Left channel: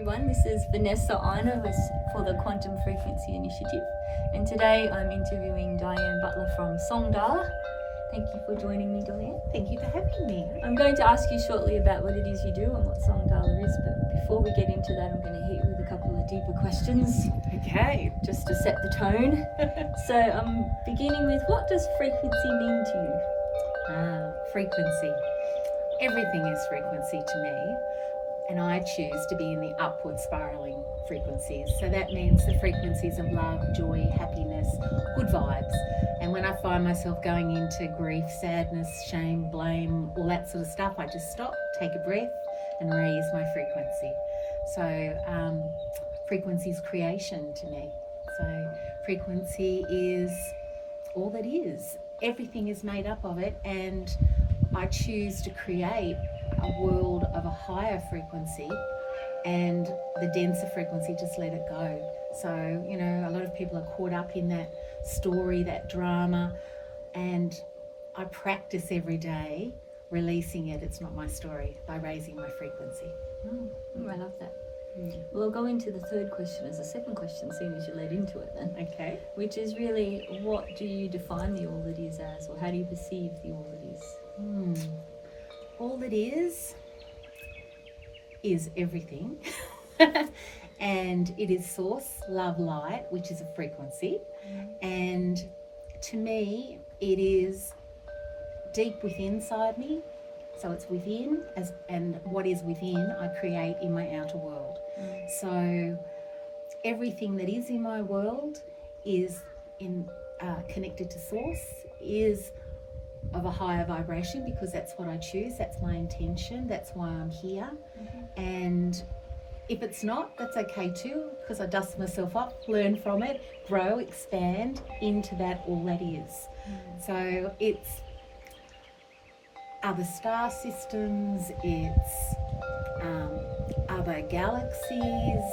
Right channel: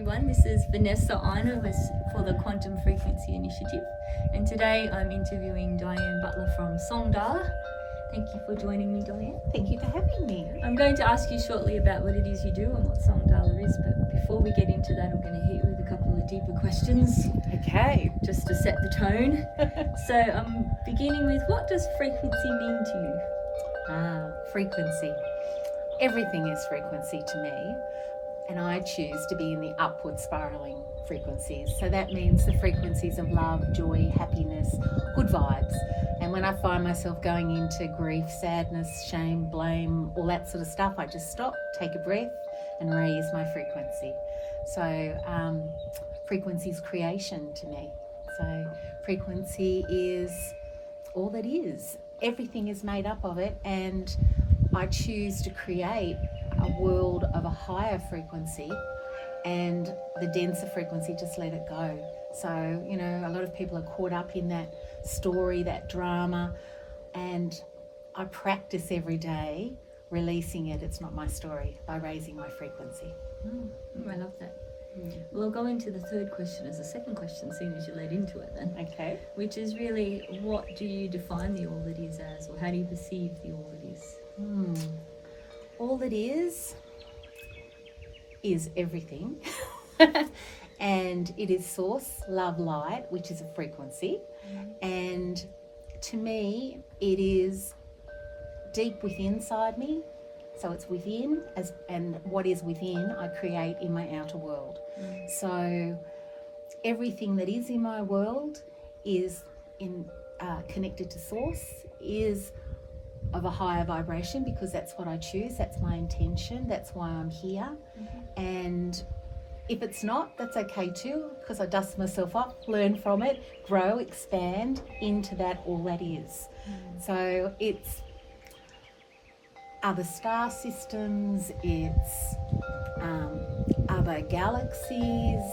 everyone. This is Vanessa Ina for the Quantum Frequency Initiative, and today I'm interviewing Dianne Butler from Songdahla. Thank you for joining me, Dianne. Thank you for having me. I'm going to ask you shortly about what it is you do and what Songdahla is, but before we get into that, I'm going to hit you with a couple of deeper questions. Okay. Just to set the tone. So I'm beginning with, what does frequency mean to you? Frequency. Everything is frequency to me, and I choose to be in the upward spiraling frequencies. So that means the frequencies of love, joy, happiness, good vibes. And when I find myself going into grief, sadness, shame, blame, all that sort of stuff, I just stop, take a breath, and raise my frequency. So frequency is creation to me. So frequency is all that is. Everything is made up of it, and I choose to create a world of a higher frequency, and the denser frequency, just let it go. So, you know, a lot of people are caught up in that story, that drama, and I practice every day releasing it. It's not my story, by raising my frequency. I love that. Well, I'll go into the third question as a second question, seeing as you led into it then. Okay. Which is really, what do you define the all that is as, or how do you perceive the all that is? All that is everything. And it is source, love, light, which is a frequency. And to me, it is deep within inside me. So it's within, and what is within, I create in my outer world. So everything that is in my world is connected to source, is of a higher vibration, because that's what I choose, that's my intention, that's why I'm here. And if it's not, that's okay too, because I dust myself up, learn from it, grow, expand into that all that is. So it's other star systems, it's other galaxies,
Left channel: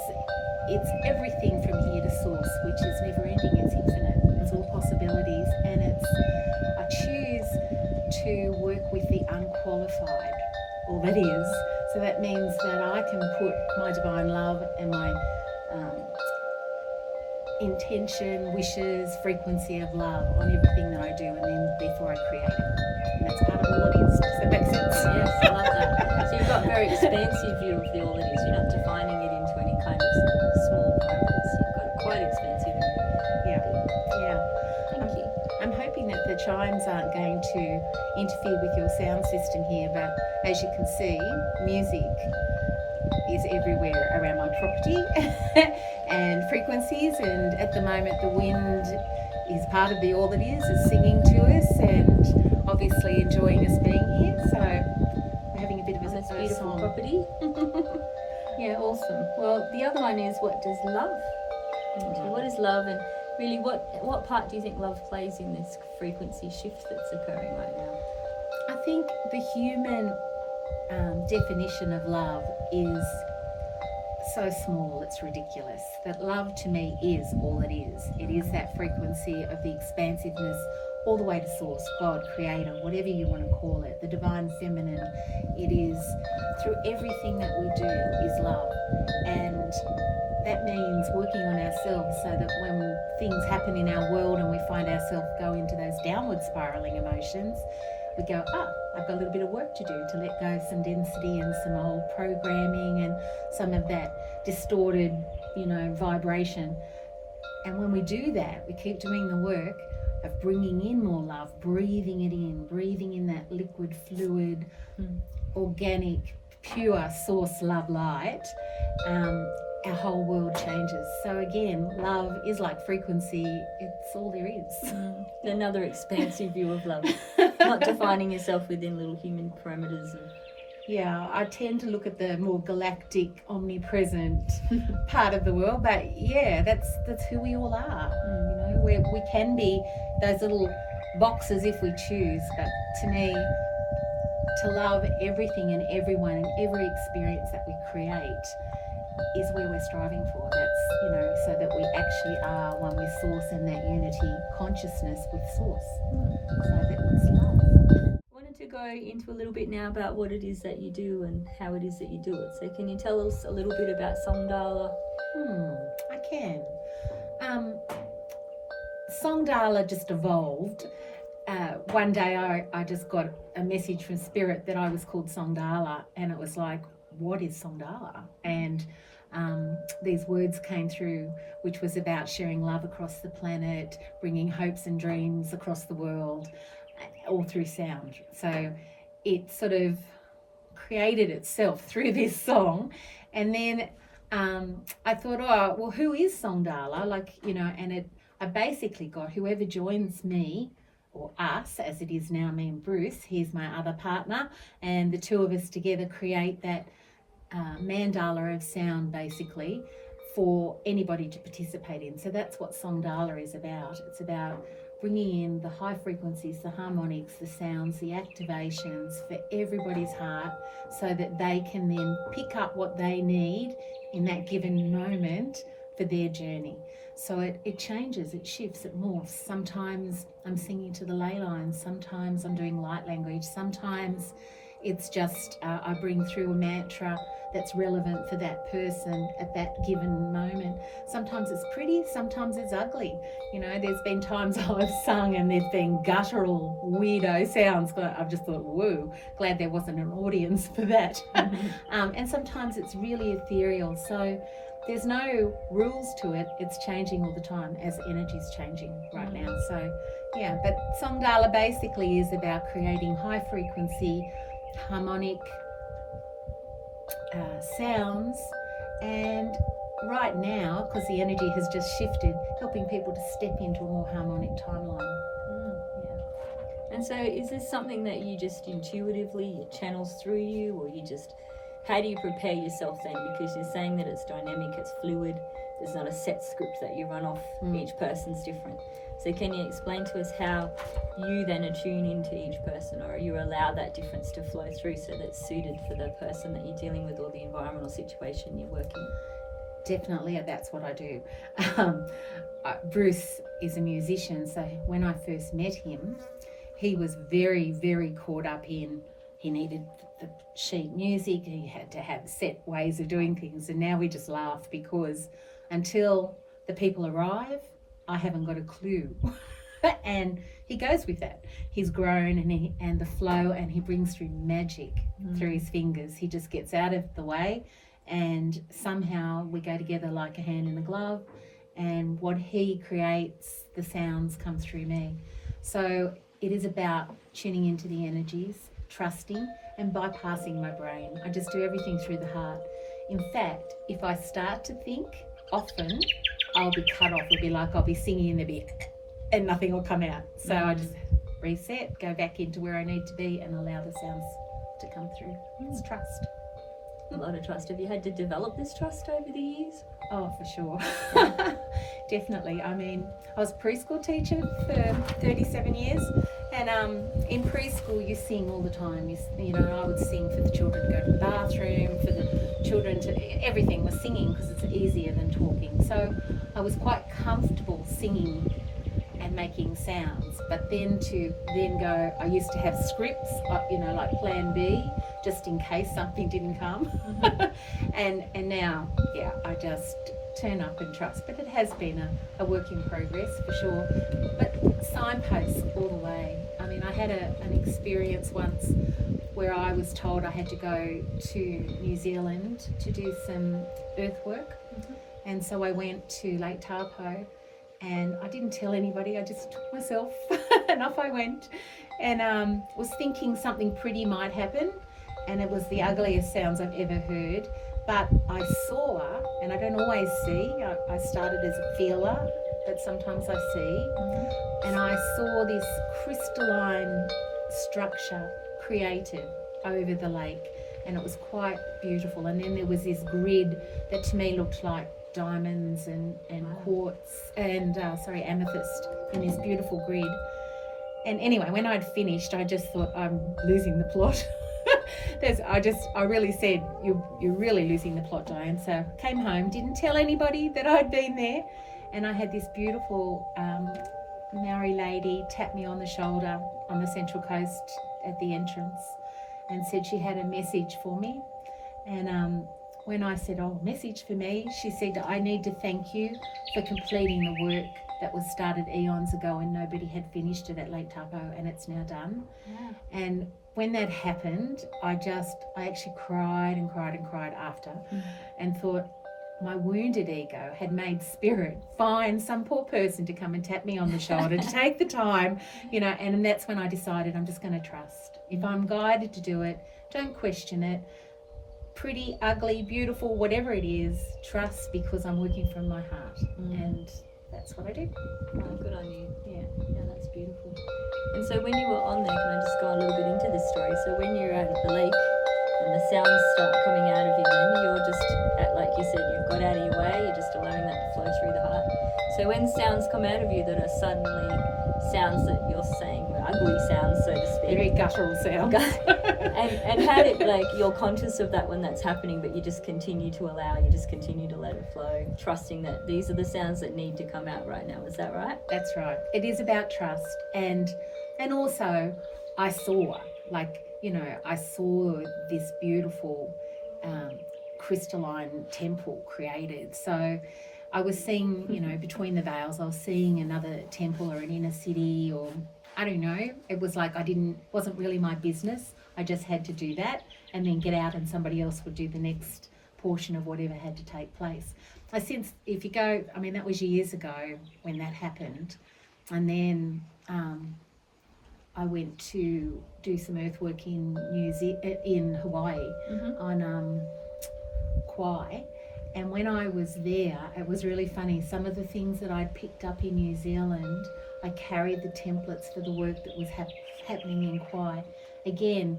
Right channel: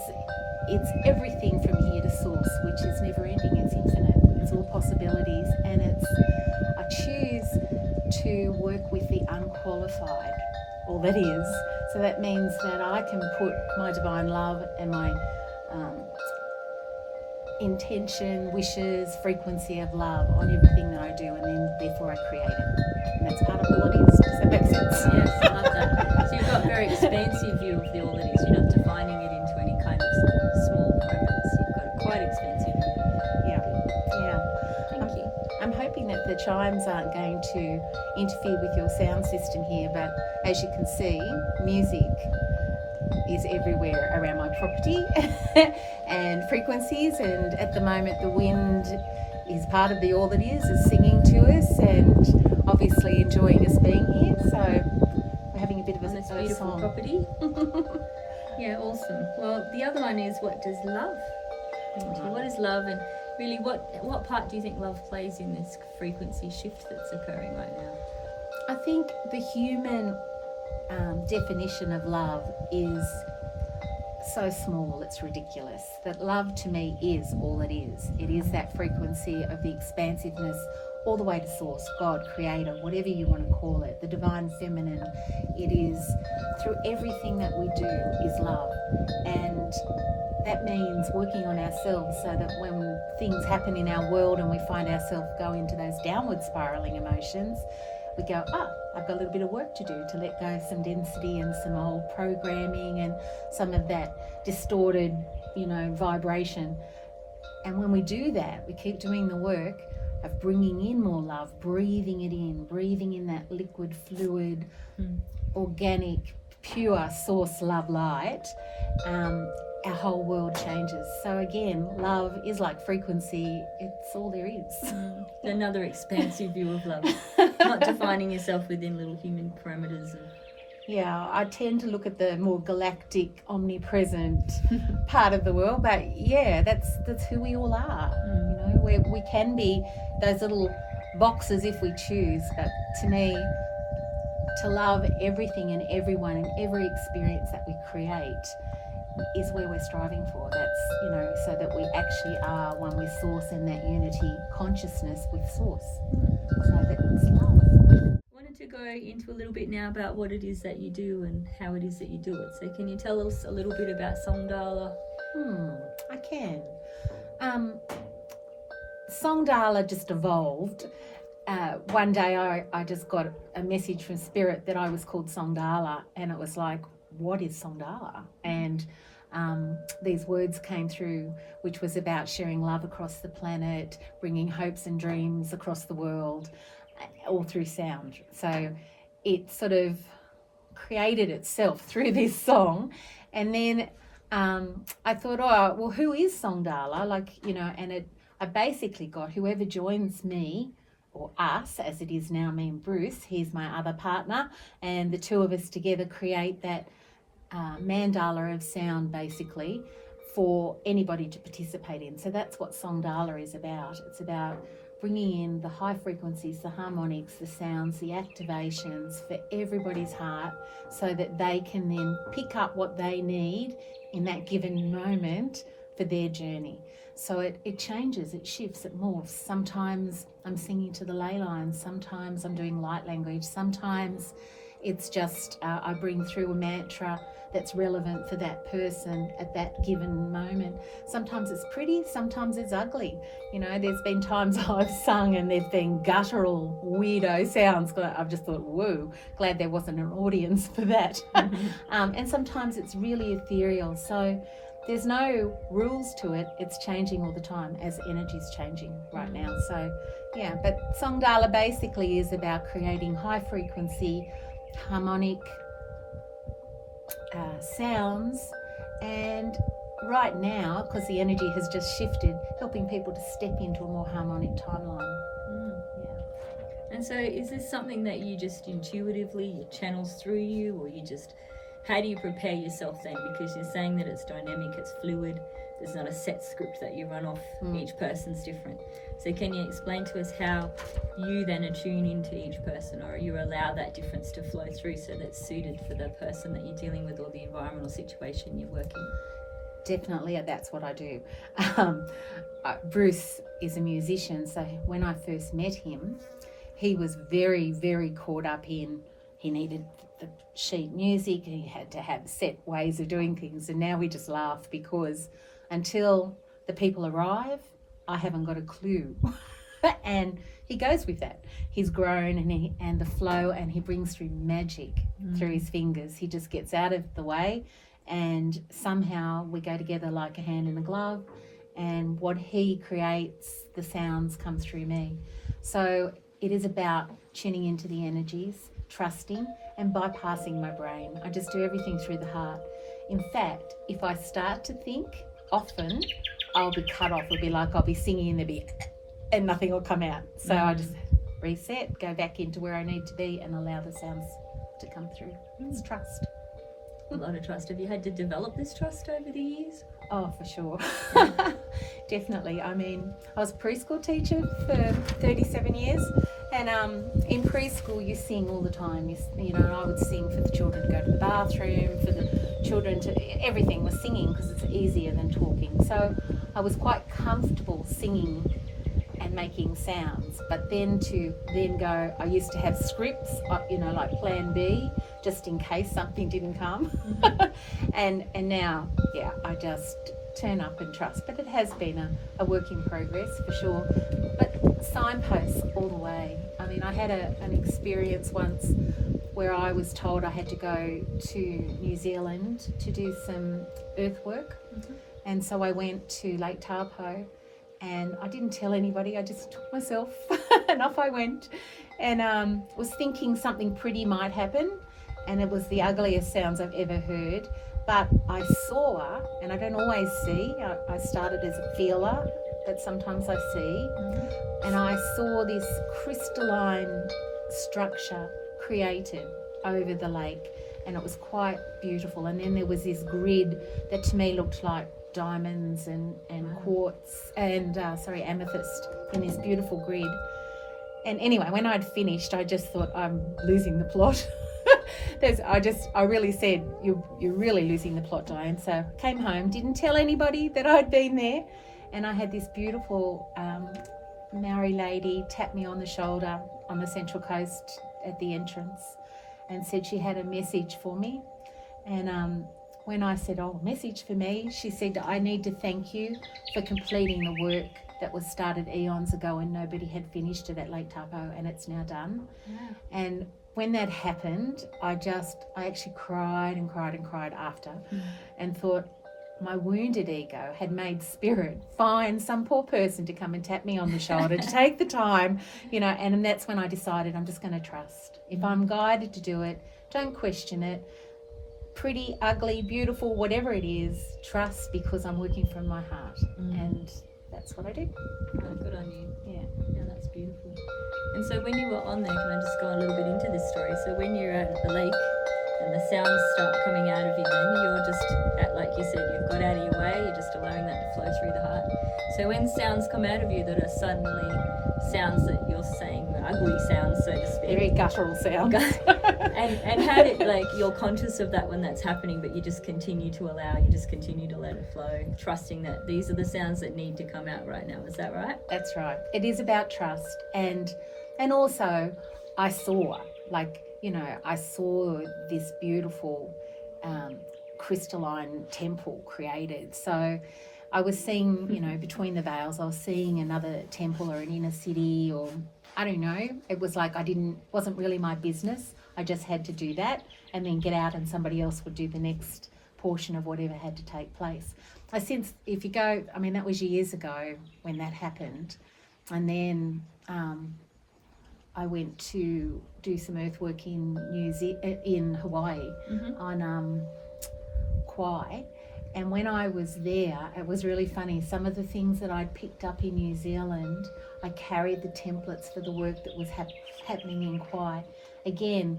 it's everything from here to source, which is never ending, it's infinite, it's all possibilities, and I choose to work with the unqualified, all that is. So that means that I can put my divine love and my intention, wishes, frequency of love on everything that I do, and then therefore I create it. And that's part of all it is. Does that make sense? Yes, I love that. So you've got a very expansive view of the all that is. You're not defining it into any kind of small parameters. You've got it quite expansive. Yeah. Thank you. I'm hoping that the chimes aren't going to interfere with your sound system here, but as you can see, music is everywhere around my property and frequencies, and at the moment the wind is part of the all that is singing to us and obviously enjoying us being here. So we're having a bit of a beautiful song. Property. Yeah, awesome. Well, the other one is, what does love mean to you? What is love, and really what part do you think love plays in this frequency shift that's occurring right now? I think the human definition of love is so small, it's ridiculous. That love to me is all it is. It is that frequency of the expansiveness all the way to source, God, creator, whatever you want to call it, the divine feminine. It is through everything that we do is love. And that means working on ourselves, so that when things happen in our world and we find ourselves go into those downward spiraling emotions, we go, I've got a little bit of work to do to let go of some density and some old programming and some of that distorted, vibration. And when we do that, we keep doing the work of bringing in more love, breathing in that liquid, fluid, organic, pure source love light. Our whole world changes. So again, love is like frequency. It's all there is. Another expansive view of love. Not defining yourself within little human parameters. Yeah, I tend to look at the more galactic, omnipresent part of the world. But yeah, that's who we all are. We can be those little boxes if we choose. But to me, to love everything and everyone and every experience that we create is where we're striving for. That's, so that we actually are one with source, and that unity consciousness with source. So that it's love. I wanted to go go into a little bit now about what it is that you do and how it is that you do it. So can you tell us a little bit about Songdahla? I can. Songdahla just evolved. One day I just got a message from Spirit that I was called Songdahla, and it was like, what is Songdahla? And these words came through, which was about sharing love across the planet, bringing hopes and dreams across the world, all through sound. So it sort of created itself through this song. And then I thought, oh, well, who is Songdahla? Like, you know, and I basically got whoever joins me, or us, as it is now, me and Bruce, he's my other partner, and the two of us together create that mandala of sound, basically, for anybody to participate in. So that's what Songdahla is about. It's about bringing in the high frequencies, the harmonics, the sounds, the activations for everybody's heart, so that they can then pick up what they need in that given moment for their journey. So it changes, it shifts, it morphs. Sometimes I'm singing to the ley lines, sometimes I'm doing light language, sometimes it's just I bring through a mantra that's relevant for that person at that given moment. Sometimes it's pretty, sometimes it's ugly. You know, there's been times I've sung and there've been guttural, weirdo sounds. I've just thought, whoa, glad there wasn't an audience for that. And sometimes it's really ethereal. So there's no rules to it. It's changing all the time as energy's changing right now. So yeah, but Songdahla basically is about creating high frequency, harmonic sounds, and right now, because the energy has just shifted, helping people to step into a more harmonic timeline. Yeah. And so is this something that you just intuitively, it channels through you, or you just, how do you prepare yourself then? Because you're saying that it's dynamic, it's fluid, there's not a set script that you run off, each person's different. So can you explain to us how you then attune into each person, or you allow that difference to flow through so that's suited for the person that you're dealing with or the environmental situation you're working in? Definitely, that's what I do. Bruce is a musician, so when I first met him, he was very, very caught up in, he needed the sheet music, he had to have set ways of doing things, and now we just laugh because until the people arrive, I haven't got a clue. And he goes with that. He's grown and the flow, and he brings through magic through his fingers. He just gets out of the way, and somehow we go together like a hand in a glove, and what he creates, the sounds come through me. So it is about tuning into the energies, trusting and bypassing my brain. I just do everything through the heart. In fact, if I start to think, often I'll be cut off. It'll be like I'll be singing and nothing will come out. So I just reset, go back into where I need to be, and allow the sounds to come through. It's trust. A lot of trust. Have you had to develop this trust over the years? Oh, for sure. Yeah. Definitely. I mean, I was a preschool teacher for 37 years, and in preschool you sing all the time. You know, I would sing for the children to go to the bathroom, for the children to, everything was singing because it's easier than talking. So I was quite comfortable singing and making sounds, but then go, I used to have scripts, you know, like plan B, just in case something didn't come. and now, yeah, I just turn up and trust. But it has been a work in progress for sure. But signposts all the way. I mean, I had an experience once where I was told I had to go to New Zealand to do some earthwork. And so I went to Lake Taupo, and I didn't tell anybody, I just took myself and off I went, and was thinking something pretty might happen, and it was the ugliest sounds I've ever heard. But I saw, and I don't always see, I started as a feeler, but sometimes I see, and I saw this crystalline structure created over the lake, and it was quite beautiful. And then there was this grid that to me looked like diamonds and quartz and amethyst in this beautiful grid. And anyway, when I'd finished, I just thought, I'm losing the plot. I really said, you're really losing the plot, Dianne. So I came home, didn't tell anybody that I'd been there, and I had this beautiful Maori lady tap me on the shoulder on the Central Coast at the entrance and said she had a message for me. And when I said, oh, message for me, she said, I need to thank you for completing the work that was started eons ago and nobody had finished it at Lake Taupo, and it's now done. Wow. And when that happened, I actually cried and cried and cried after, and thought my wounded ego had made spirit find some poor person to come and tap me on the shoulder to take the time, and that's when I decided I'm just going to trust. If I'm guided to do it, don't question it. Pretty, ugly, beautiful, whatever it is, trust, because I'm working from my heart. And that's what I did. Oh, good on you. Yeah, that's beautiful. And so when you were on there, can I just go a little bit into this story? So when you're out at the lake and the sounds start coming out of you, then you're just, like you said, you've got out of your way, you're just allowing that to flow through the heart. So when sounds come out of you that are suddenly sounds that you're saying, ugly sounds, so to speak. Very guttural sounds. and how did, you're conscious of that when that's happening, but you just continue to allow, you just continue to let it flow, trusting that these are the sounds that need to come out right now. Is that right? That's right. It is about trust. And also I saw, I saw this beautiful crystalline temple created. So I was seeing, between the veils, I was seeing another temple or an inner city, or I don't know. It was like wasn't really my business. I just had to do that and then get out, and somebody else would do the next portion of whatever had to take place. I sense if you go, that was years ago when that happened. And then I went to do some earthwork in Hawaii on Kauai. And when I was there, it was really funny. Some of the things that I'd picked up in New Zealand, I carried the templates for the work that was happening in Kauai. Again,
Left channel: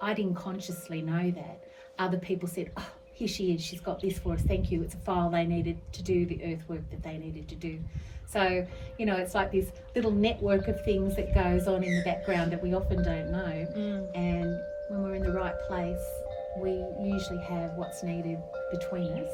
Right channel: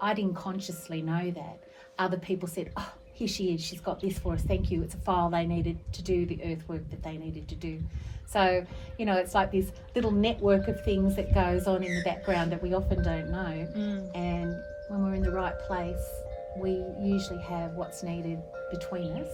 I didn't consciously know that. Other people said, oh, here she is, she's got this for us, thank you. It's a file they needed to do the earthwork that they needed to do. So, it's like this little network of things that goes on in the background that we often don't know. And when we're in the right place, we usually have what's needed between us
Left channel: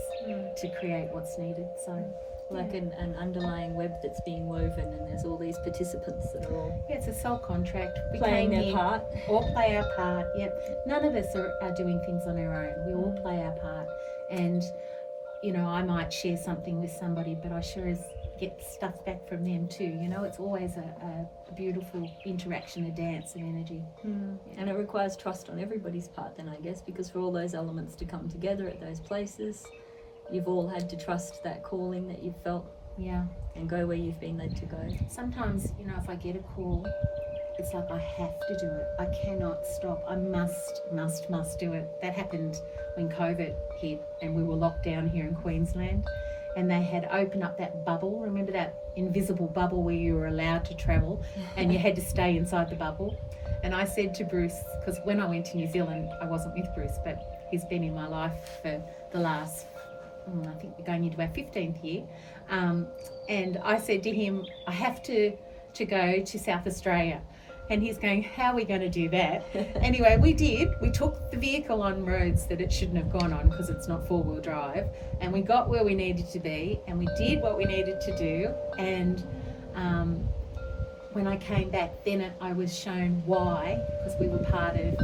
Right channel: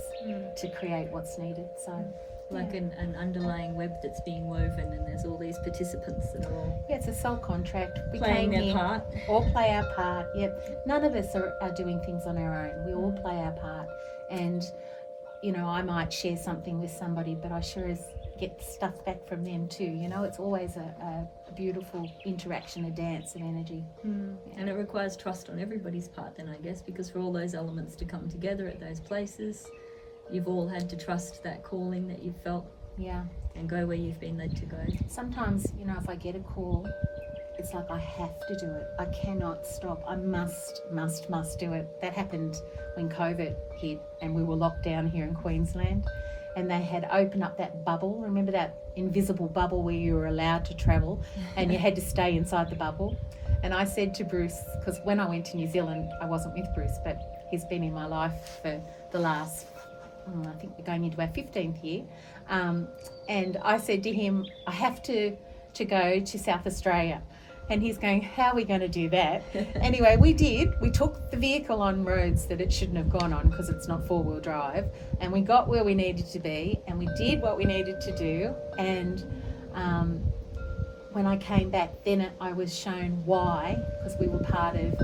to create what's needed. So, like an underlying web that's being woven, and there's all these participants that are all it's a soul contract. We playing their part. All play our part. Yep. None of us are doing things on our own. We all play our part. And I might share something with somebody, but I sure as get stuff back from them too. It's always a beautiful interaction, a dance of energy. And it requires trust on everybody's part then, I guess, because for all those elements to come together at those places, you've all had to trust that calling that you've felt. Yeah. And go where you've been led to go. Sometimes, if I get a call, it's like I have to do it. I cannot stop. I must do it. That happened when COVID hit and we were locked down here in Queensland. And they had opened up that bubble. Remember that invisible bubble where you were allowed to travel and you had to stay inside the bubble? And I said to Bruce, because when I went to New Zealand, I wasn't with Bruce, but he's been in my life for the last, I think we're going into our 15th year. And I said to him, I have to go to South Australia. And he's going, how are we going to do that? Anyway, we did. We took the vehicle on roads that it shouldn't have gone on because it's not four-wheel drive. And we got where we needed to be and we did what we needed to do. And when I came back, then I was shown why, because we were part of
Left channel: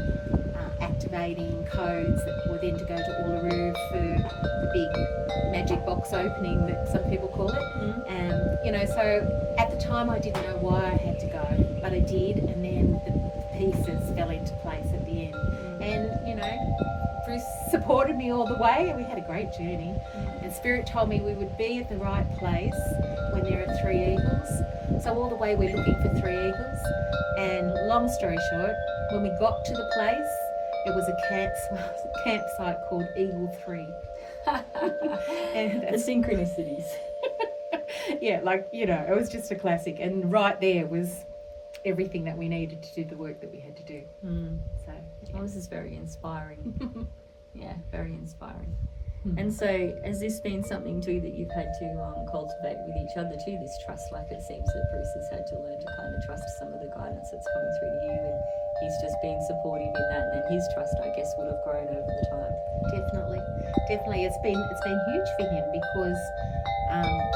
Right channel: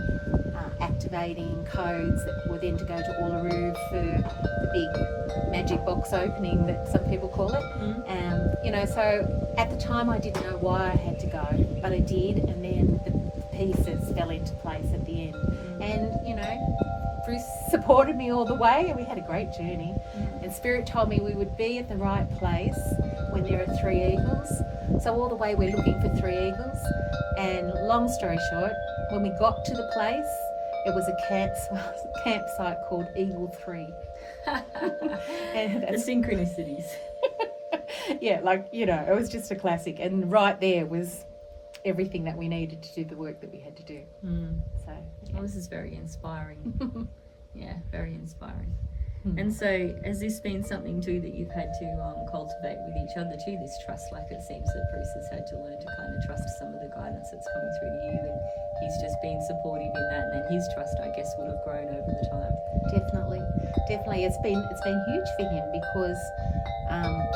activating codes that were then to go to Uluru for the big magic box opening that some people call it. So at the time I didn't know why I had to go, but I did, and then the pieces fell into place at the end. And Bruce supported me all the way and we had a great journey. And Spirit told me we would be at the right place when there are three eagles. So all the way we're looking for three eagles. And long story short, when we got to the place, it was a campsite called Eagle 3. And the synchronicities. Yeah, it was just a classic. And right there was everything that we needed to do the work that we had to do. So, well, this is very inspiring. Yeah, very inspiring. And so has this been something too that you've had to cultivate with each other too, this trust? Like it seems that Bruce has had to learn to kind of trust some of the guidance that's coming through to you, and he's just been supportive in that, and then his trust, I guess, would have grown over the time. Definitely. It's been huge for him because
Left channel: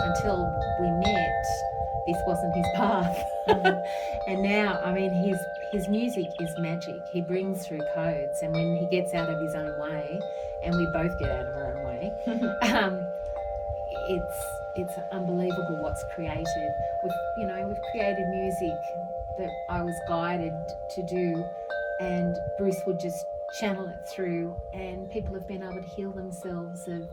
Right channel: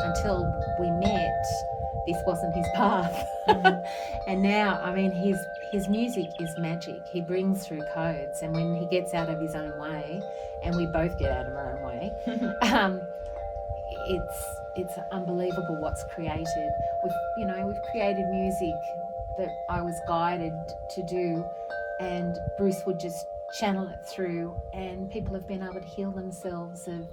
until we met, this wasn't his path. And now, he's his music is magic. He brings through codes, and when he gets out of his own way, and we both get out of our own way, it's unbelievable what's created. We've created music that I was guided to do, and Bruce would just channel it through, and people have been able to heal themselves of,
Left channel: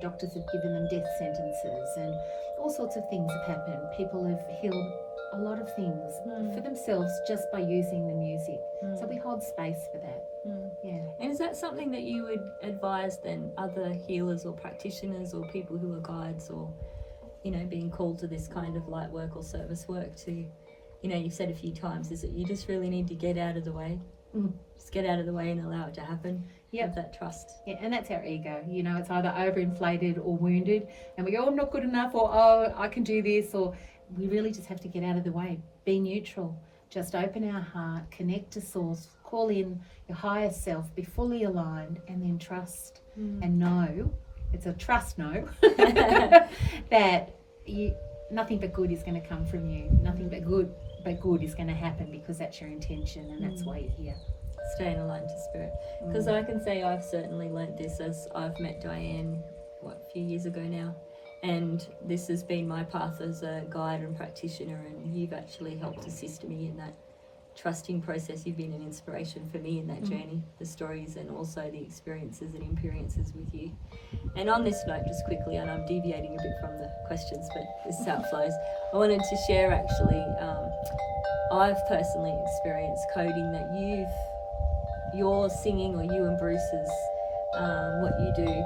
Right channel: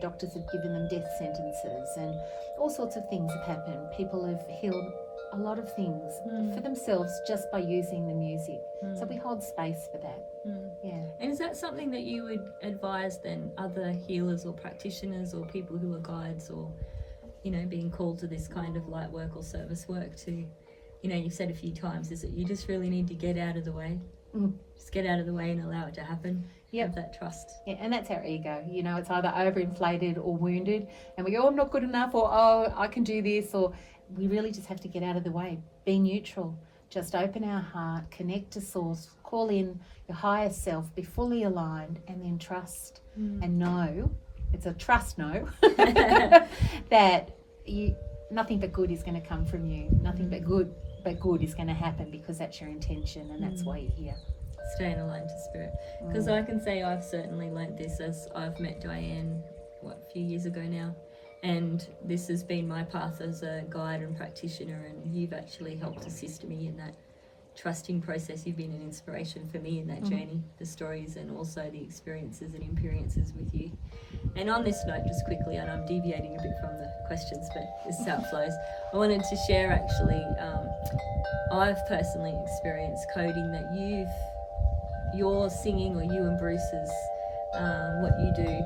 doctors have given them death sentences, and all sorts of things have happened. People have healed a lot of things for themselves just by using the music. So we hold space for that. Yeah. And is that something that you would advise then other healers or practitioners or people who are guides or, being called to this kind of light work or service work to, you've said a few times, is that you just really need to get out of the way. Just get out of the way and allow it to happen. Have that trust. Yeah, and that's our ego. It's either overinflated or wounded, and we go, oh, I'm not good enough, or oh, I can do this, or we really just have to get out of the way. Be neutral. Just open our heart, connect to source, call in your higher self, be fully aligned, and then trust and know. It's a trust know that nothing but good is going to come from you. Nothing but good is going to happen, because that's your intention and that's why you're here. Staying aligned to spirit. Because I can say I've certainly learnt this as I've met Dianne, a few years ago now. And this has been my path as a guide and practitioner, and you've actually helped assist me in that trusting process. You've been an inspiration for me in that journey, the stories and also the experiences and experiences with you. And on this note, just quickly, and I'm deviating a bit from the questions, but this is how it flows. I wanted to share actually, I've personally experienced coding that your singing, or you and Bruce's, what you do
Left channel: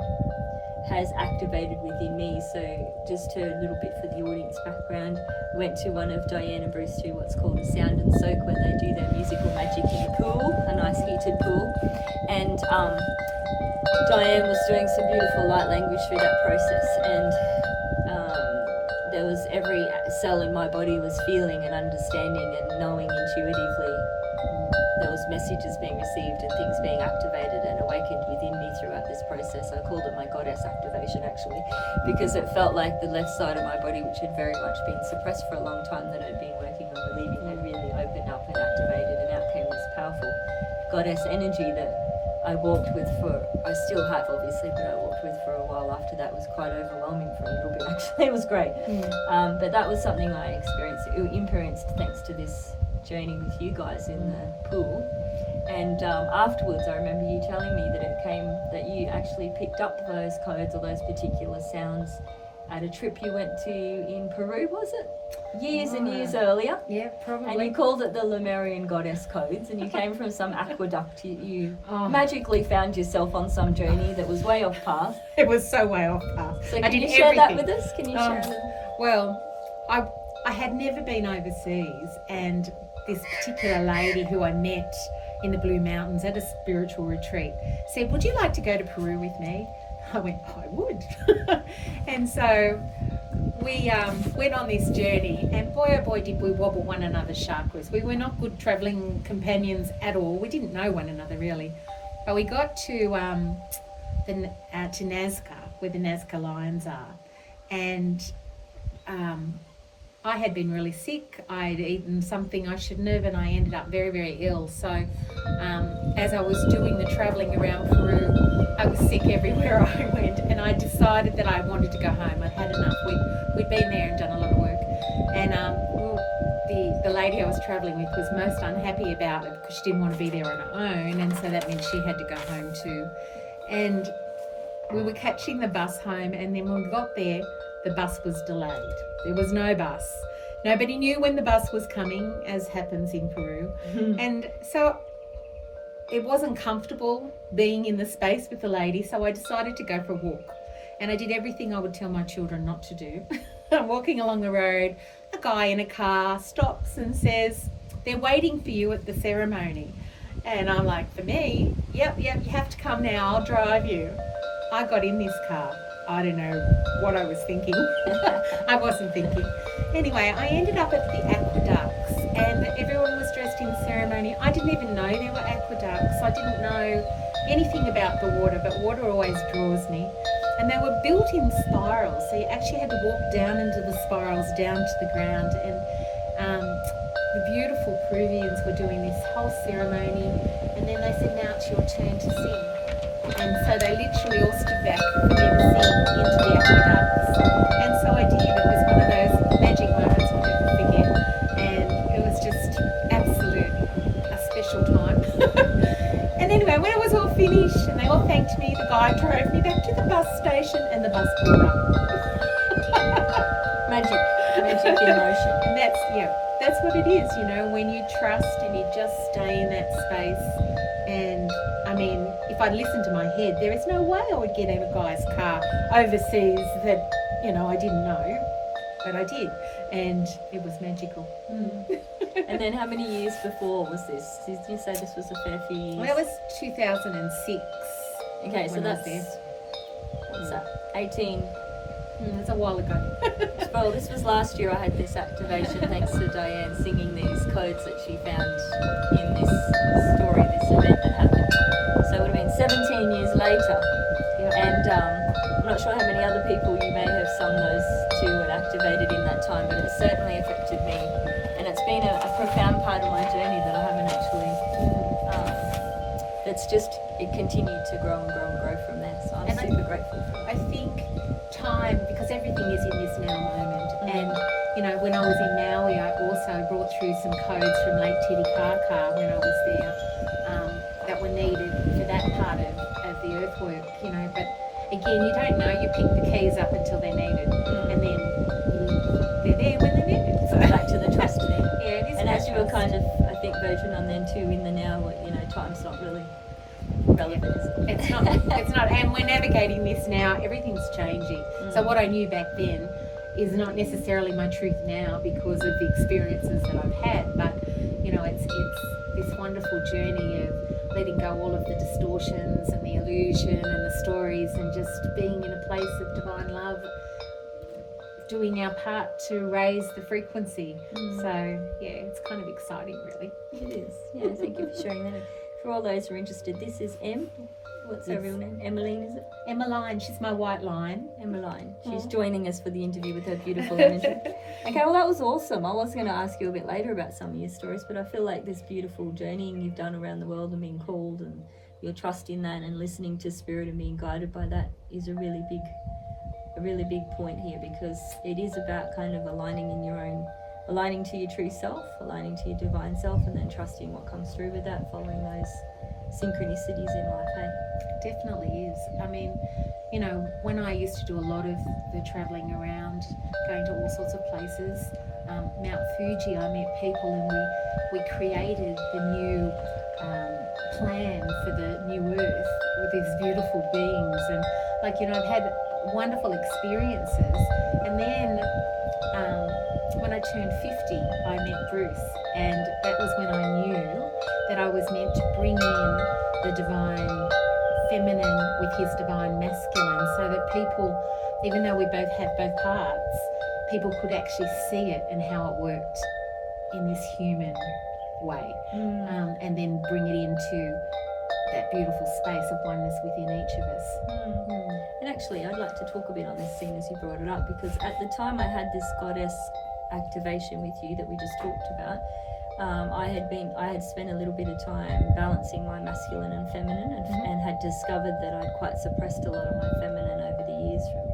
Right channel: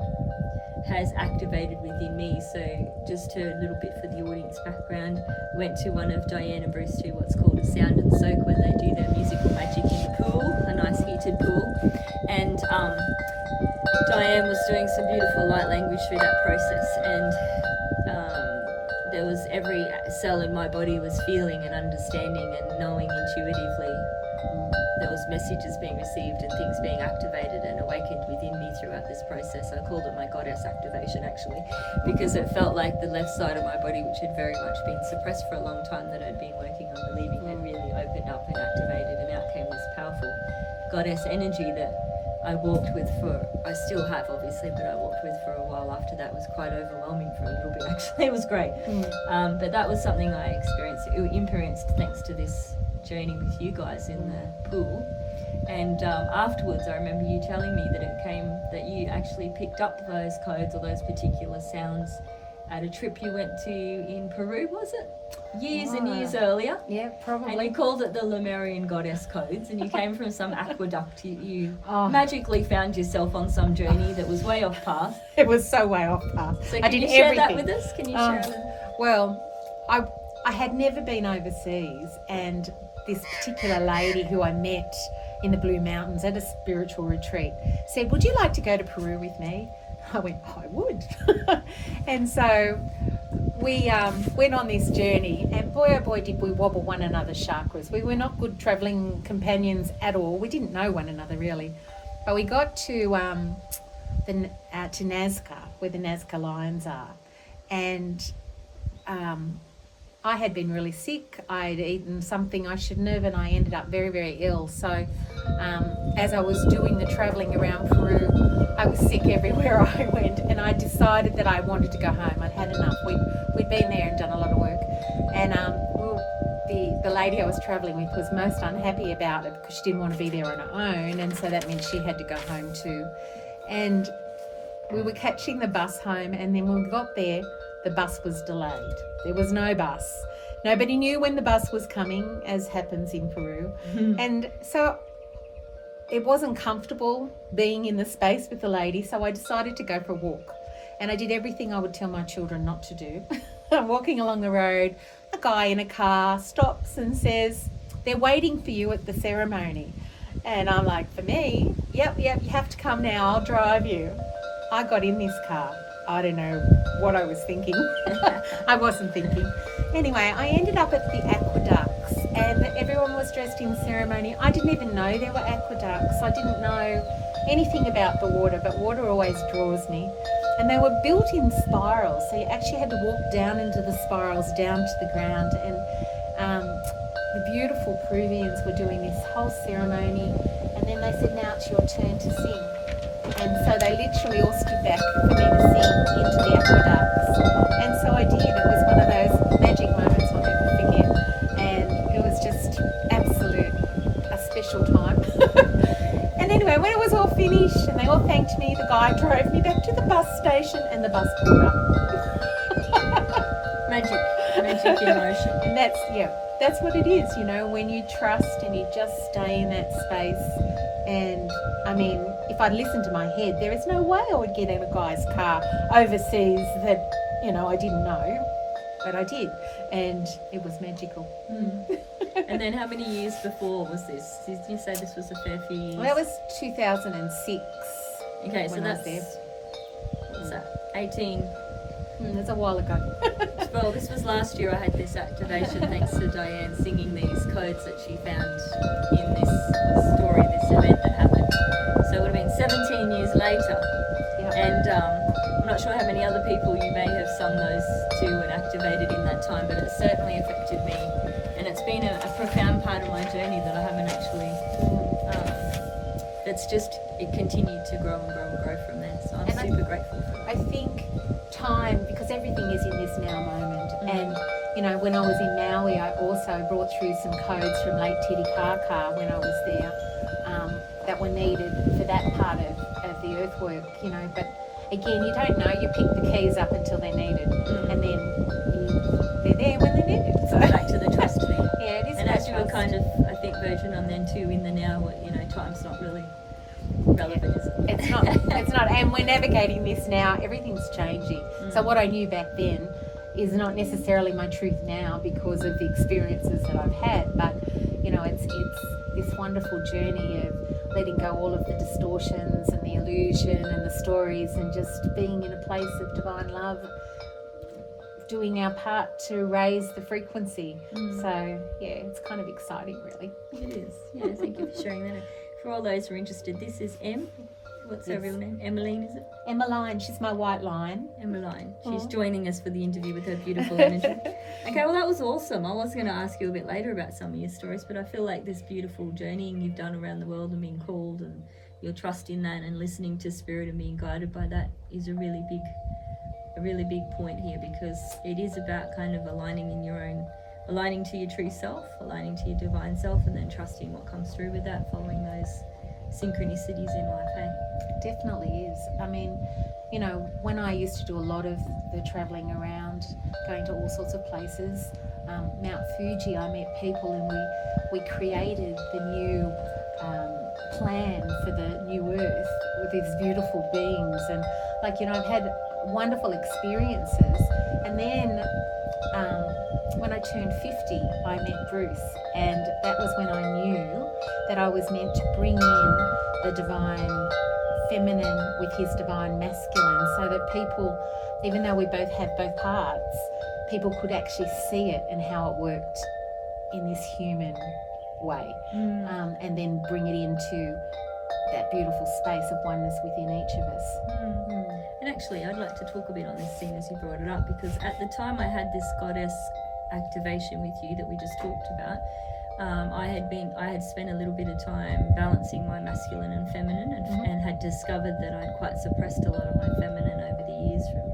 has activated within me. So just a little bit for the audience background, we went to one of Dianne and Bruce to what's called a sound and soak, where they do their musical magic in the pool, a nice heated pool. And Dianne was doing some beautiful light language through that process, and there was every cell in my body was feeling and understanding and knowing intuitively. There was messages being received and things being activated and awakened within me throughout this process. I called it my goddess activation, actually, because it felt like the left side of my body, which had very much been suppressed for a long time, that I'd been working on relieving, had really opened up and activated, and out came this powerful goddess energy that I walked with I still have obviously, but I walked with for a while after that. It was quite overwhelming for a little bit, actually. It was great. But that was something I experienced thanks to this journey with you guys in the pool. And afterwards I remember you telling me that you actually picked up those codes or those particular sounds at a trip you went to in Peru, was it? Years and years earlier. Yeah, probably. And you called it the Lemurian goddess codes, and you came from some aqueduct. You magically found yourself on some journey that was way off path. It was so way off path. So can you share that with us? Can you share it? Well, I had never been overseas, and this particular lady who I met in the Blue Mountains at a spiritual retreat said, would you like to go to Peru with me? I went, I would. And so we went on this journey, and boy oh boy did we wobble one another's chakras. We were not good travelling companions at all. We didn't know one another really. But we got to Nazca, where the Nazca lions are, and I had been really sick. I'd eaten something I shouldn't have, and I ended up very, very ill. So as I was doing the travelling around Peru, I was sick everywhere I went, and I decided that I wanted to go home. I'd had enough. We'd been there and done a lot of work. And the lady I was travelling with was most unhappy about it, because she didn't want to be there on her own, and so that meant she had to go home too. And we were catching the bus home, and then when we got there, the bus was delayed. There was no bus. Nobody knew when the bus was coming, as happens in Peru. And so it wasn't comfortable being in the space with the lady, so I decided to go for a walk. And I did everything I would tell my children not to do. I'm walking along the road, a guy in a car stops and says, they're waiting for you at the ceremony. And I'm like, for me? Yep, you have to come now, I'll drive you. I got in this car. I don't know what I was thinking. I wasn't thinking. Anyway, I ended up at the aqueducts, and everyone was dressed in ceremony. I didn't even know there were aqueducts. I didn't know anything about the water, but water always draws me. And they were built in spirals, so you actually had to walk down into the spirals, down to the ground. And the beautiful Peruvians were doing this whole ceremony, and then they said, now it's your turn to sing. And so they literally all stood back for me to sing into the aqueducts. And so I did. It was one of those magic moments I'll never forget. And it was just a special time. And anyway, when it was all finished and they all thanked me, the guy drove me back to the bus station and the bus pulled up. Magic in motion. And that's what it is, you know, when you trust and you just stay in that space. And I mean, if I'd listened to my head, there is no way I would get in a guy's car overseas that, you know, I didn't know, but I did, and it was magical. And then how many years before was this? Did you say this was a fair few years? Well, that was 2006. Okay, so when I was that's, there. what's that, 18? That's a while ago. Well, this was last year I had this activation thanks to Dianne singing these codes that she found in this story, this event that happened. So it would have been 17 years later. Yep. And I'm not sure how many other people you may have sung those to and activated in that time, but it certainly affected me. And it's been a profound part of my journey that I haven't actually, that's just, it continued to grow and grow and grow from there. So I'm super grateful for that. I think time, because everything is in this now moment, and you know, when I was in Maui, I also brought through some codes from Lake Titicaca when I was there, that were needed for that part of the earthwork, you know. But again, you don't know, you pick the keys up until they're needed, and then they're there when they're needed. So back to the trust thing. Yeah, it is. And as you were kind of, I think, verging on then too, in the now, you know, time's not really relevant, is it? It's not, and we're navigating this now, everything's changing. So what I knew back then is not necessarily my truth now because of the experiences that I've had, but you know, it's this wonderful journey of letting go all of the distortions and the illusion and the stories, and just being in a place of divine love, doing our part to raise the frequency. So yeah, it's kind of exciting, really. It is. Yeah, thank you for sharing that. For all those who are interested, this is what's her real name? Emmeline, is it? Emmeline, she's my white line. Emmeline. She's joining us for the interview with her beautiful energy. Okay, well that was awesome. I was going to ask you a bit later about some of your stories, but I feel like this beautiful journeying you've done around the world and being called, and your trust in that and listening to spirit and being guided by that is a really big point here, because it is about kind of aligning to your true self, aligning to your divine self, and then trusting what comes through with that, following those synchronicities in life, hey? Definitely is. I mean, you know, when I used to do a lot of the travelling around, going to all sorts of places, Mount Fuji, I met people and we created the new plan for the new earth with these beautiful beings, and like, you know, I've had wonderful experiences. And then when I turned 50, I met Bruce, and that was when I knew that I was meant to bring in the divine feminine with his divine masculine, so that people, even though we both have both parts, people could actually see it and how it worked in this human way, and then bring it into that beautiful space of oneness within each of us. And actually, I'd like to talk a bit on this scene as you brought it up, because at the time I had this goddess activation with you that we just talked about. I had spent a little bit of time balancing my masculine and feminine, and had discovered that I'd quite suppressed a lot of my feminine over the years from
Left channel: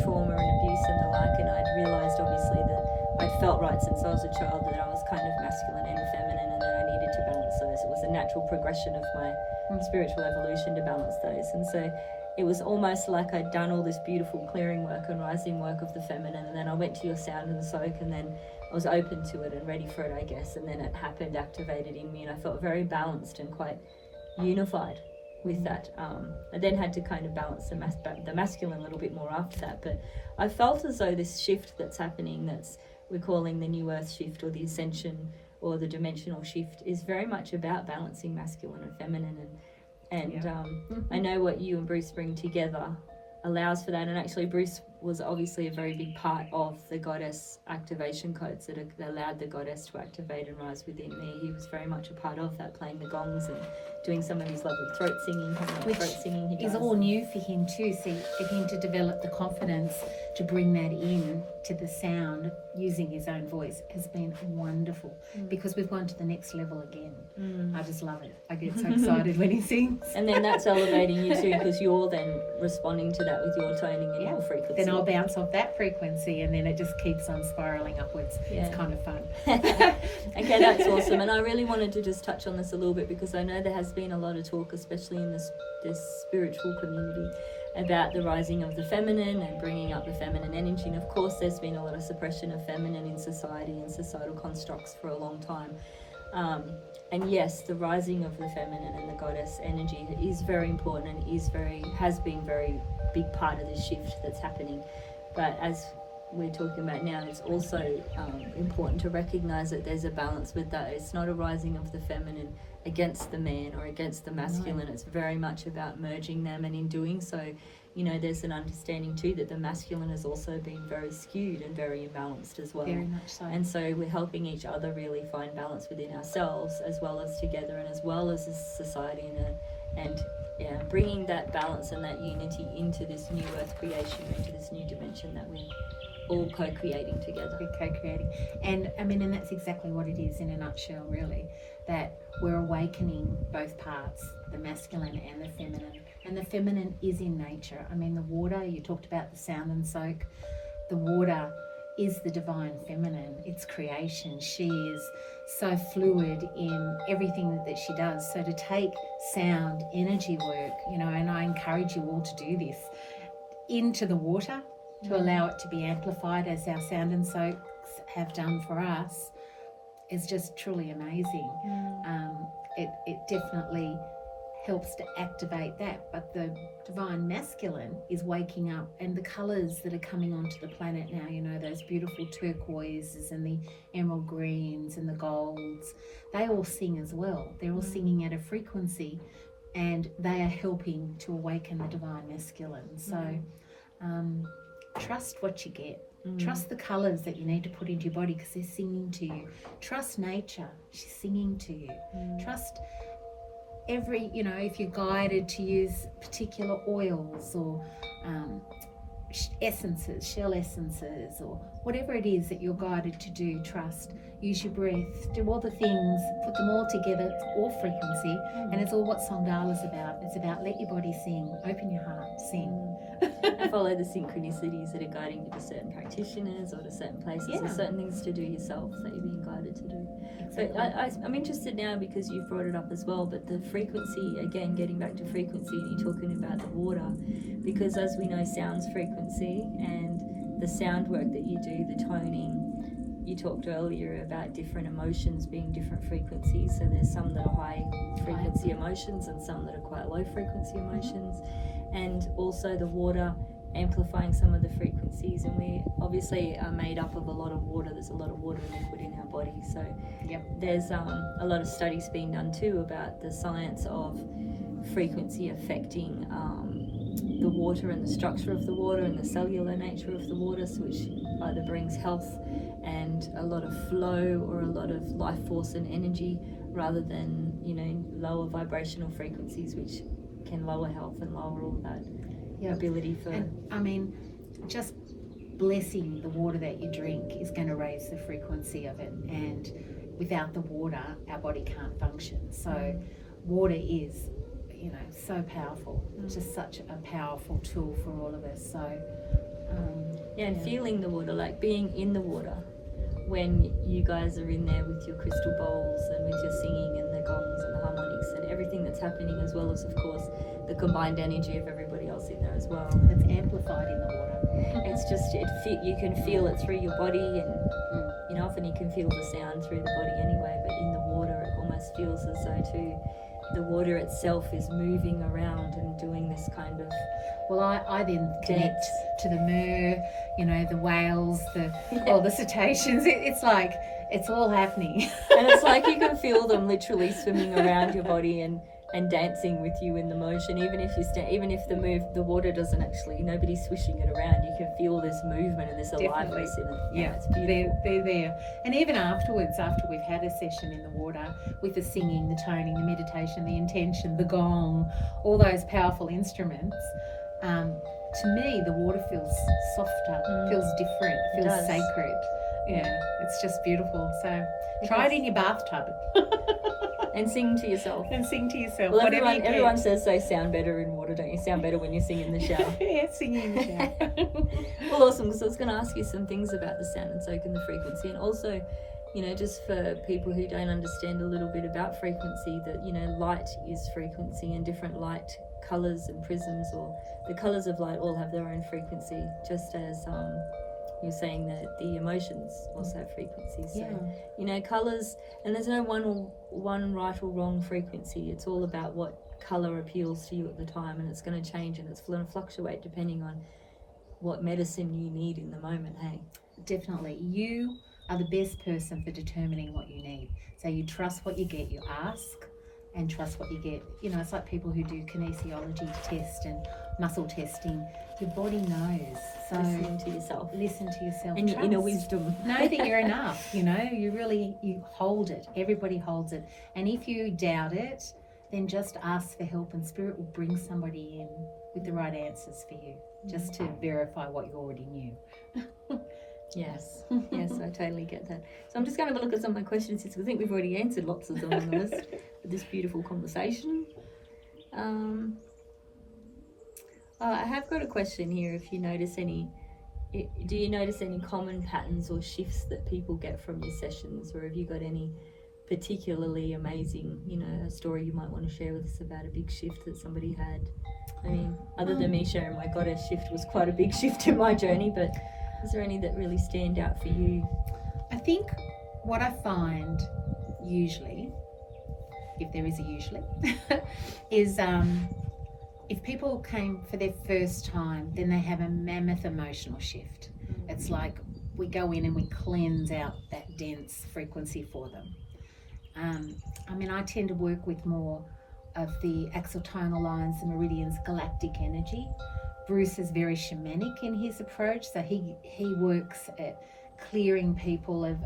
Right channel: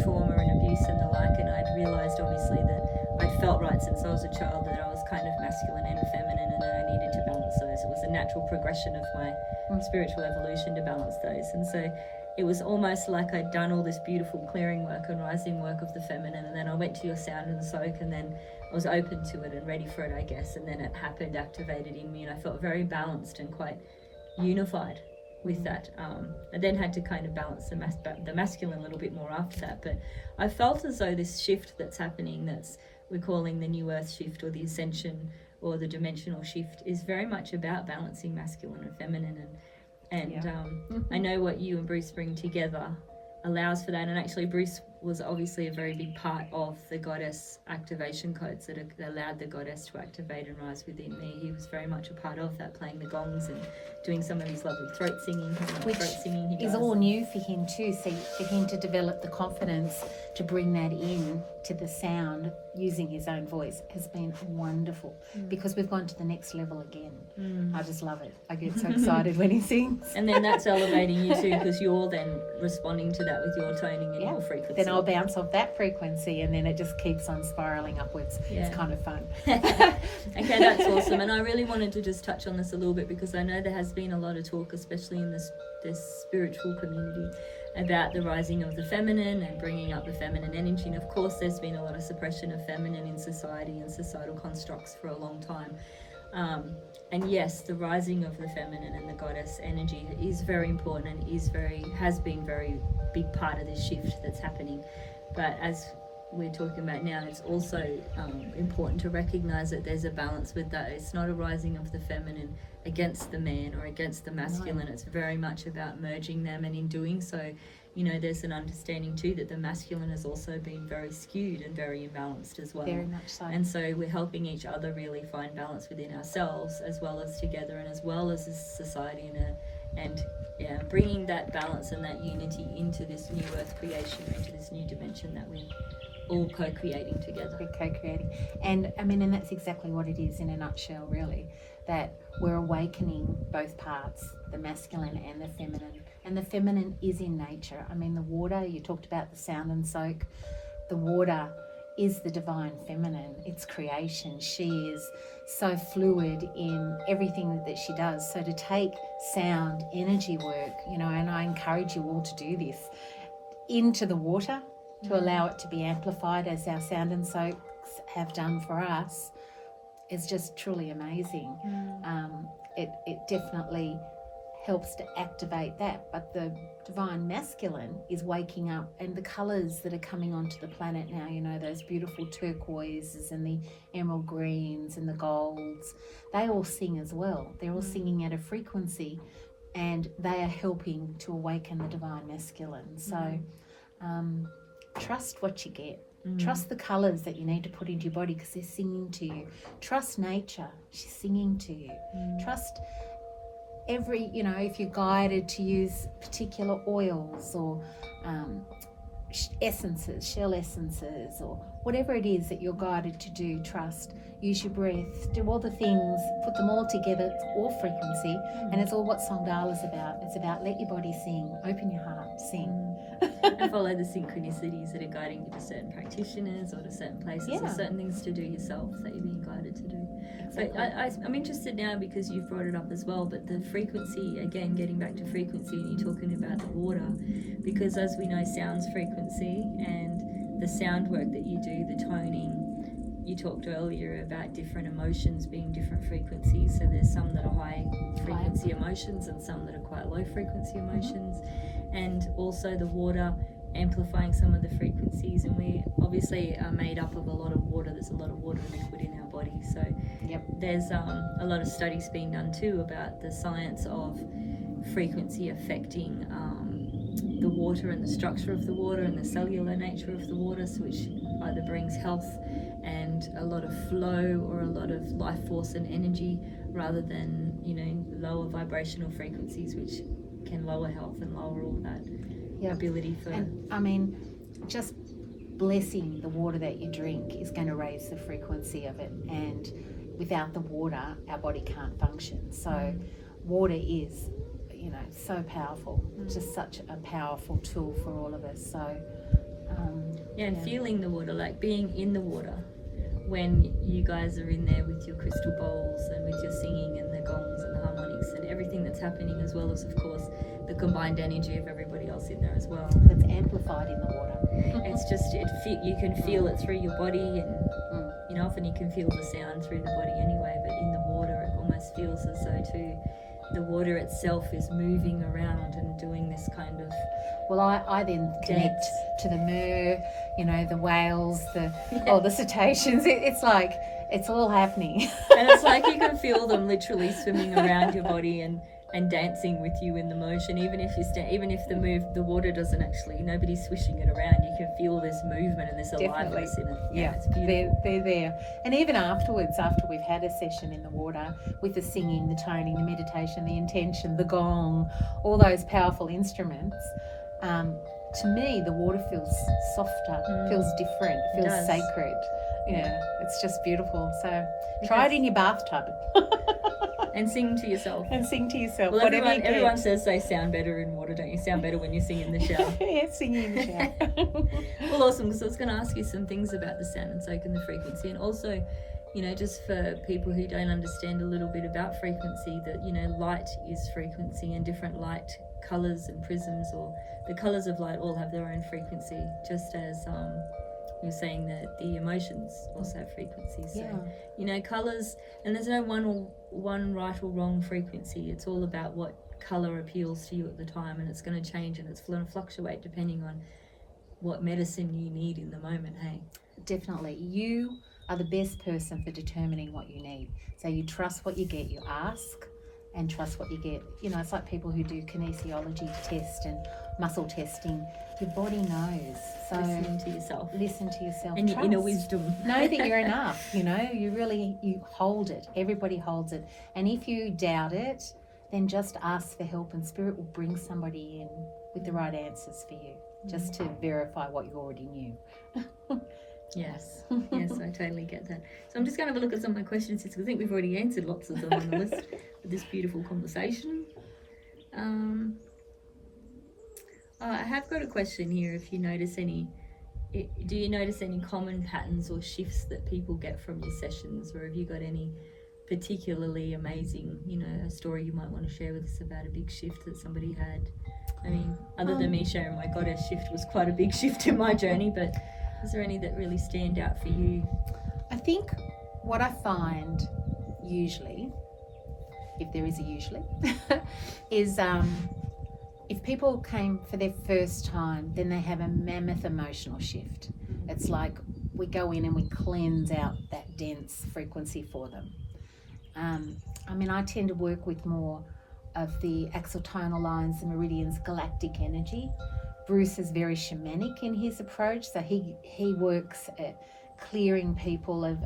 trauma and abuse and the like, and I'd realised obviously that I'd felt right since I was a child that I was kind of masculine and feminine, and that I needed to balance those. It was a natural progression of my spiritual evolution to balance those, and so it was almost like I'd done all this beautiful clearing work and rising work of the feminine, and then I went to your sound and soak, and then I was open to it and ready for it, I guess, and then it happened, activated in me, and I felt very balanced and quite unified with that. I then had to kind of balance the masculine a little bit more after that, but I felt as though this shift that's happening, that's we're calling the new earth shift or the ascension or the dimensional shift, is very much about balancing masculine and feminine, and I know what you and Bruce bring together allows for that. And actually Bruce was obviously a very big part of the goddess activation codes that allowed the goddess to activate and rise within me. He was very much a part of that, playing the gongs and doing some of his lovely throat singing. Which throat singing he is does. all new for him too. So for him to develop the confidence to bring that in to the sound using his own voice has been wonderful, because we've gone to the next level again. I just love it. I get so excited when he sings. And then that's elevating you too, because you're then responding to that with your toning and your frequency. Then I'll bounce off that frequency, and then it just keeps on spiraling upwards. Yeah. It's kind of fun. Okay, that's awesome. And I really wanted to just touch on this a little bit, because I know there has been a lot of talk, especially in this spiritual community, about the rising of the feminine and bringing up the feminine energy. And of course there's been a lot of suppression of feminine in society and societal constructs for a long time. And yes, the rising of the feminine and the goddess energy is very important, and has been very big part of this shift that's happening. But as we're talking about now, it's also important to recognize that there's a balance with that. It's not a rising of the feminine against the man or against the masculine. It's very much about merging them, and in doing so, there's an understanding too that the masculine has also been very skewed and very imbalanced as well. Very much so. And so we're helping each other really find balance within ourselves, as well as together, and as well as society, and bringing that balance and that unity into this new earth creation, or into this new dimension that we're all co-creating together. We're co-creating. And and that's exactly what it is in a nutshell, really, that we're awakening both parts, the masculine and the feminine. And the feminine is in nature. The water, you talked about the sound and soak. The water is the divine feminine. It's creation. She is so fluid in everything that she does. So to take sound, energy work, and I encourage you all to do this, into the water, to allow it to be amplified, as our sound and soaks have done for us, is just truly amazing. It definitely helps to activate that, but the divine masculine is waking up, and the colours that are coming onto the planet now, those beautiful turquoises and the emerald greens and the golds, they all sing as well. They're all singing at a frequency, and they are helping to awaken the divine masculine. So trust what you get. Trust the colours that you need to put into your body, because they're singing to you. Trust nature. She's singing to you. Trust every, if you're guided to use particular oils or essences, shell essences, or whatever it is that you're guided to do, trust. Use your breath, do all the things, put them all together. It's all frequency, and it's all what Songdahla is about. It's about let your body sing, open your heart, sing. And follow the synchronicities that are guiding you to certain practitioners or to certain places or certain things to do yourself that you're being guided to do. Exactly. But I'm interested now, because you've brought it up as well, but the frequency, again, getting back to frequency, and you're talking about the water, because as we know, sound's frequency, and the sound work that you do, the toning, you talked earlier about different emotions being different frequencies. So there's some that are high frequency emotions and some that are quite low frequency emotions. And also the water amplifying some of the frequencies. And we obviously are made up of a lot of water. There's a lot of water liquid in our body. So there's a lot of studies being done too about the science of frequency affecting the water and the structure of the water and the cellular nature of the water, which either brings health and a lot of flow or a lot of life force and energy, rather than lower vibrational frequencies, which can lower health and lower all that ability for. And, just blessing the water that you drink is going to raise the frequency of it, and without the water our body can't function. So water is so powerful. Just such a powerful tool for all of us. So and feeling the water, like being in the water when you guys are in there with your crystal bowls and with your singing and the gongs and the harmonics and everything that's happening, as well as of course the combined energy of everybody else in there as well. It's amplified in the water. It's just you can feel it through your body, and often you can feel the sound through the body anyway, but in the water it almost feels as though too the water itself is moving around and doing this kind of. Well, I then connect to the mer, the whales, the cetaceans. It's like it's all happening. And it's like you can feel them literally swimming around your body, and and dancing with you in the motion, even if the water doesn't actually, nobody's swishing it around, you can feel this movement and this aliveness in it. It's beautiful. They're there. And even afterwards, after we've had a session in the water with the singing, the toning, the meditation, the intention, the gong, all those powerful instruments, to me the water feels softer, feels different, feels sacred. It's just beautiful. So try it in your bathtub. And sing to yourself. Well, everyone says they sound better in water, don't you? Sound better when you sing in the shower. Yeah, singing in the shower. Well, awesome. So I was going to ask you some things about the sound and soak and the frequency, and also, just for people who don't understand a little bit about frequency, that, light is frequency, and different light colours and prisms, or the colours of light, all have their own frequency, just as you're saying that the emotions also have frequencies. So, colours, and there's no one right or wrong frequency. It's all about what colour appeals to you at the time, and it's going to change and it's going to fluctuate depending on what medicine you need in the moment, hey? Definitely. You are the best person for determining what you need. So you trust what you get, you ask and trust what you get. It's like people who do kinesiology test and muscle testing. Your body knows. So listen to yourself. And your inner wisdom. Know that you're enough, you hold it. Everybody holds it. And if you doubt it, then just ask for help, and Spirit will bring somebody in with the right answers for you, just to verify what you already knew. Yes, I totally get that. So I'm just going to have a look at some of my questions, because I think we've already answered lots of them on the list with this beautiful conversation. I have got a question here. If you notice do you notice any common patterns or shifts that people get from your sessions, or have you got any particularly amazing, a story you might want to share with us about a big shift that somebody had? I mean, other than me sharing my goddess shift was quite a big shift in my journey, but is there any that really stand out for you? I think what I find usually, if there is a usually, is if people came for their first time, then they have a mammoth emotional shift. It's like we go in and we cleanse out that dense frequency for them. I tend to work with more of the axial tonal lines, the meridians, galactic energy. Bruce is very shamanic in his approach, so he works at clearing people of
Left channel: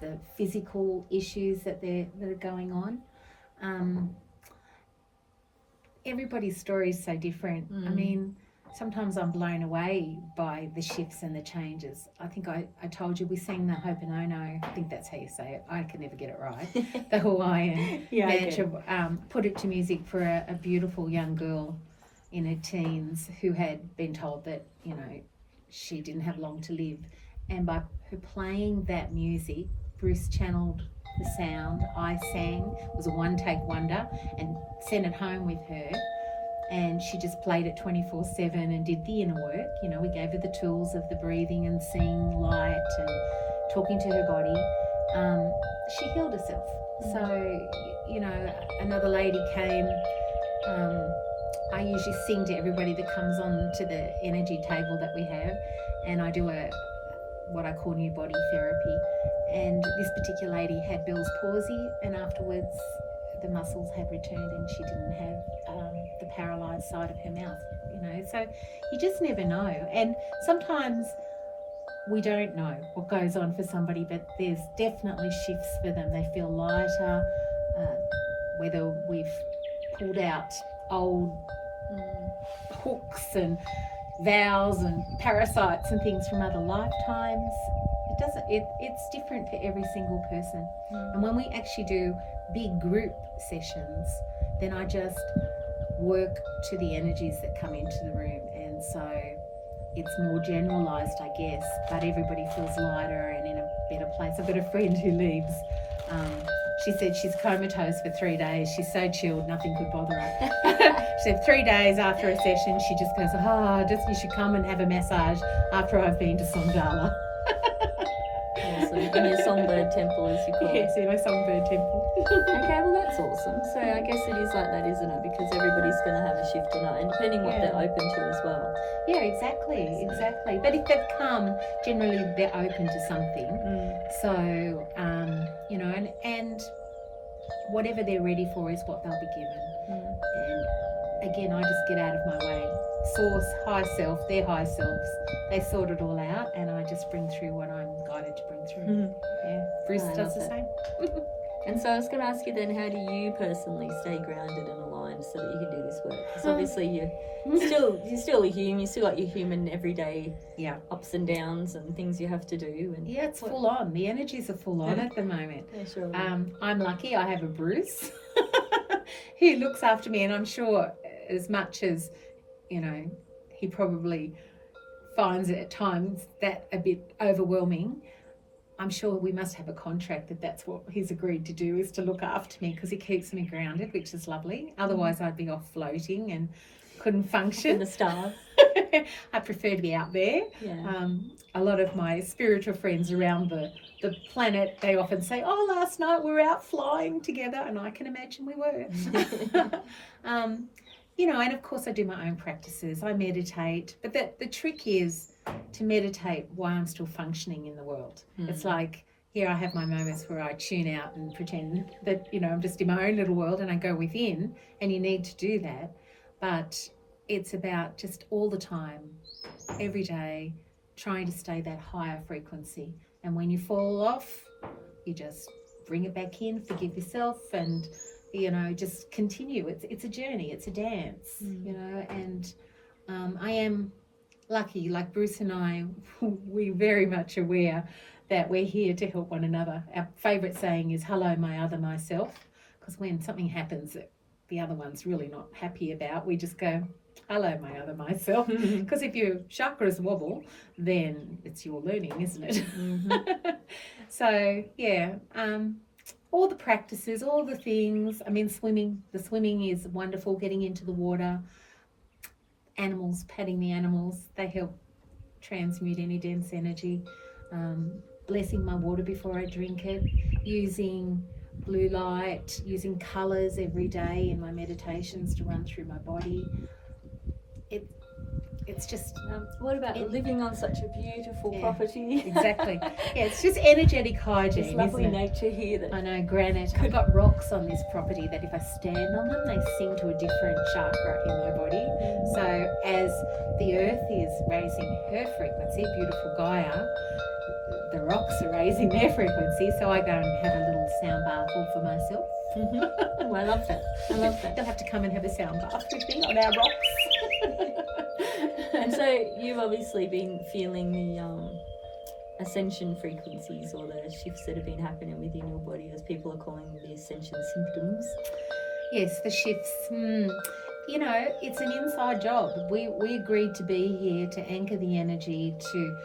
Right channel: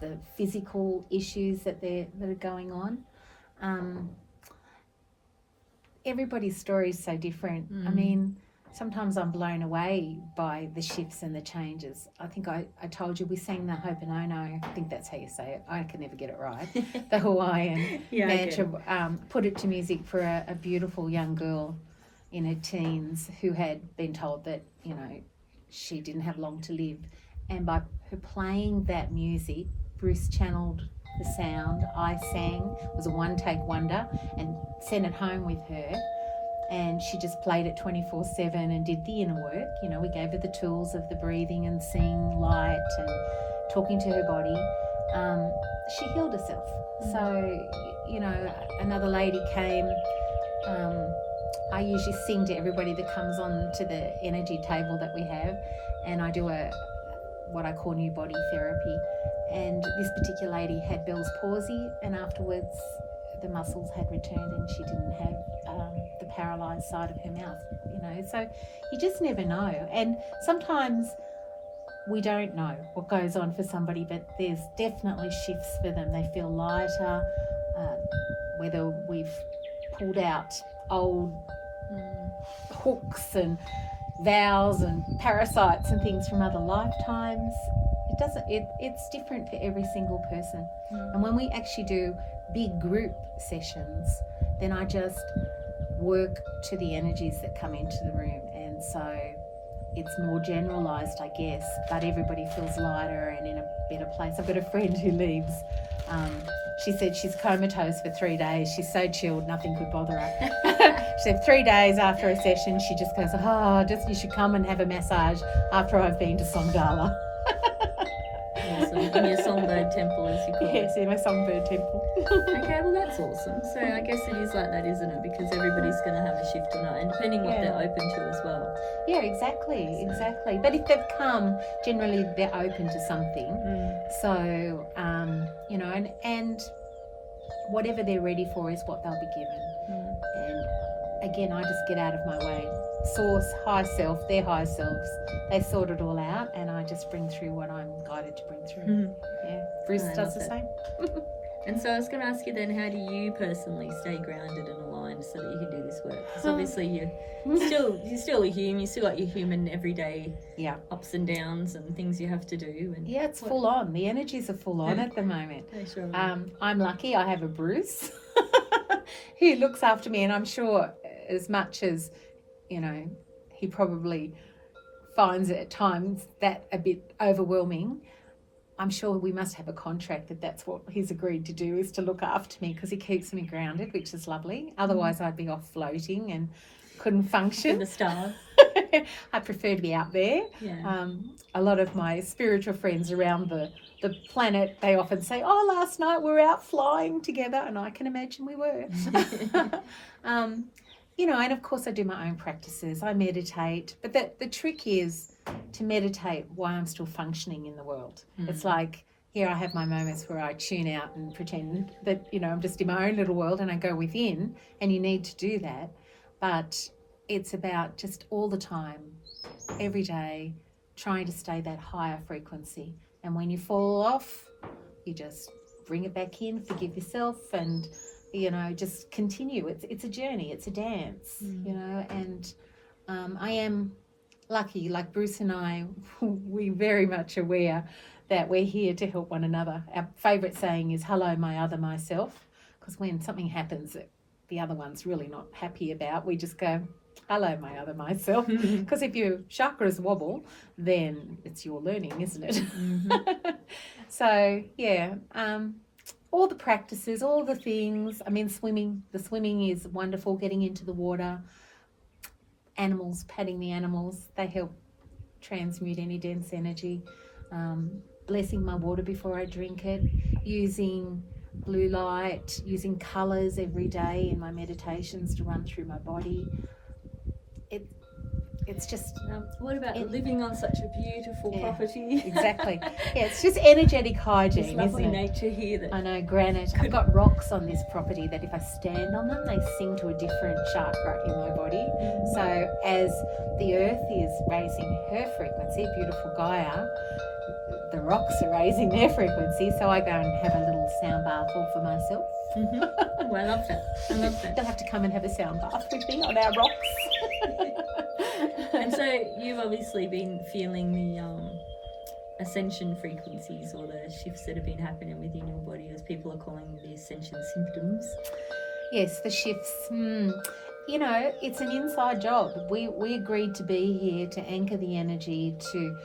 the physical issues that are going on. Everybody's story is so different. Sometimes I'm blown away by the shifts and the changes. I think I told you we sang the Ho'oponopono. I think that's how you say it. I can never get it right. The Hawaiian mantra. Put it to music for a beautiful young girl in her teens who had been told that, she didn't have long to live. And by her playing that music, Bruce channeled the sound. I sang. It was a one-take wonder, and sent it home with her. And she just played it 24/7 and did the inner work. We gave her the tools of the breathing and seeing light and talking to her body. She healed herself. So, another lady came. I usually sing to everybody that comes on to the energy table that we have, and I do what I call new body therapy. And this particular lady had Bell's palsy, and afterwards the muscles had returned and she didn't have the paralysed side of her mouth, So you just never know. And sometimes we don't know what goes on for somebody, but there's definitely shifts for them. They feel lighter, whether we've pulled out old hooks and vows and parasites and things from other lifetimes. It's different for every single person. And when we actually do big group sessions, then I just work to the energies that come into the room, and so it's more generalized, I guess, but everybody feels lighter and in a better place. I've got a friend who leaves. She said she's comatose for 3 days. She's so chilled, nothing could bother her. She said 3 days after a session, she just goes, you should come and have a massage after I've been to Songdahla. Awesome. In your songbird temple, as you call it. Yes, in my songbird temple. Okay, well that's awesome. So I guess it is like that, isn't it? Because everybody's going to have a shift or not, and depending what they're open to as well. Yeah, exactly. But if they've come, generally they're open to something. So, and whatever they're ready for is what they'll be given. again, I just get out of my way. Source, high self, their high selves, they sort it all out, and I just bring through what I'm guided to bring through. Mhm. Yeah, Bruce I does love the that. same. And so I was going to ask you then, how do you personally stay grounded and aligned so that you can do this work? Because obviously you're still a human. You still got your human everyday ups and downs and things you have to do. And yeah, it's full on. The energies are full on at the moment. Sure. I'm lucky. I have a Bruce who looks after me, and I'm sure as much as he probably finds it at times that a bit overwhelming. I'm sure we must have a contract that's what he's agreed to do, is to look after me, because he keeps me grounded, which is lovely. Otherwise I'd be off floating and couldn't function. In the stars. I prefer to be out there. Yeah. A lot of my spiritual friends around the planet, they often say, oh, last night we were out flying together, and I can imagine we were. And of course I do my own practices. I meditate, but the trick is to meditate while I'm still functioning in the world. It's like, here I have my moments where I tune out and pretend that, I'm just in my own little world, and I go within, and you need to do that. But it's about just all the time, every day, trying to stay that higher frequency. And when you fall off, you just bring it back in, forgive yourself, and just continue. It's a journey, it's a dance, and I am lucky, like Bruce and I, we're very much aware that we're here to help one another. Our favourite saying is, hello, my other myself, because when something happens that the other one's really not happy about, we just go, hello, my other myself, because if your chakras wobble, then it's your learning, isn't it? So, yeah, all the practices, all the things. I mean, the swimming is wonderful, getting into the water. Animals, patting the animals, they help transmute any dense energy. Blessing my water before I drink it, using blue light, using colours every day in my meditations to run through my body. It's just... what about living on such a beautiful property? Exactly. Yeah, it's just energetic hygiene. This lovely isn't it? nature here. I know, granite. I've got rocks on this property that if I stand on them, they sing to a different chakra in my body. So as the earth is raising her frequency, beautiful Gaia, the rocks are raising their frequency. So I go and have a little sound bath all for myself. Oh, I love that. I love that. They'll have to come and have a sound bath with me on our rocks. And so you've obviously been feeling the ascension frequencies, or the shifts that have been happening within your body, as people are calling the ascension symptoms. Yes, the shifts. It's an inside job. We agreed to be here to anchor the energy, to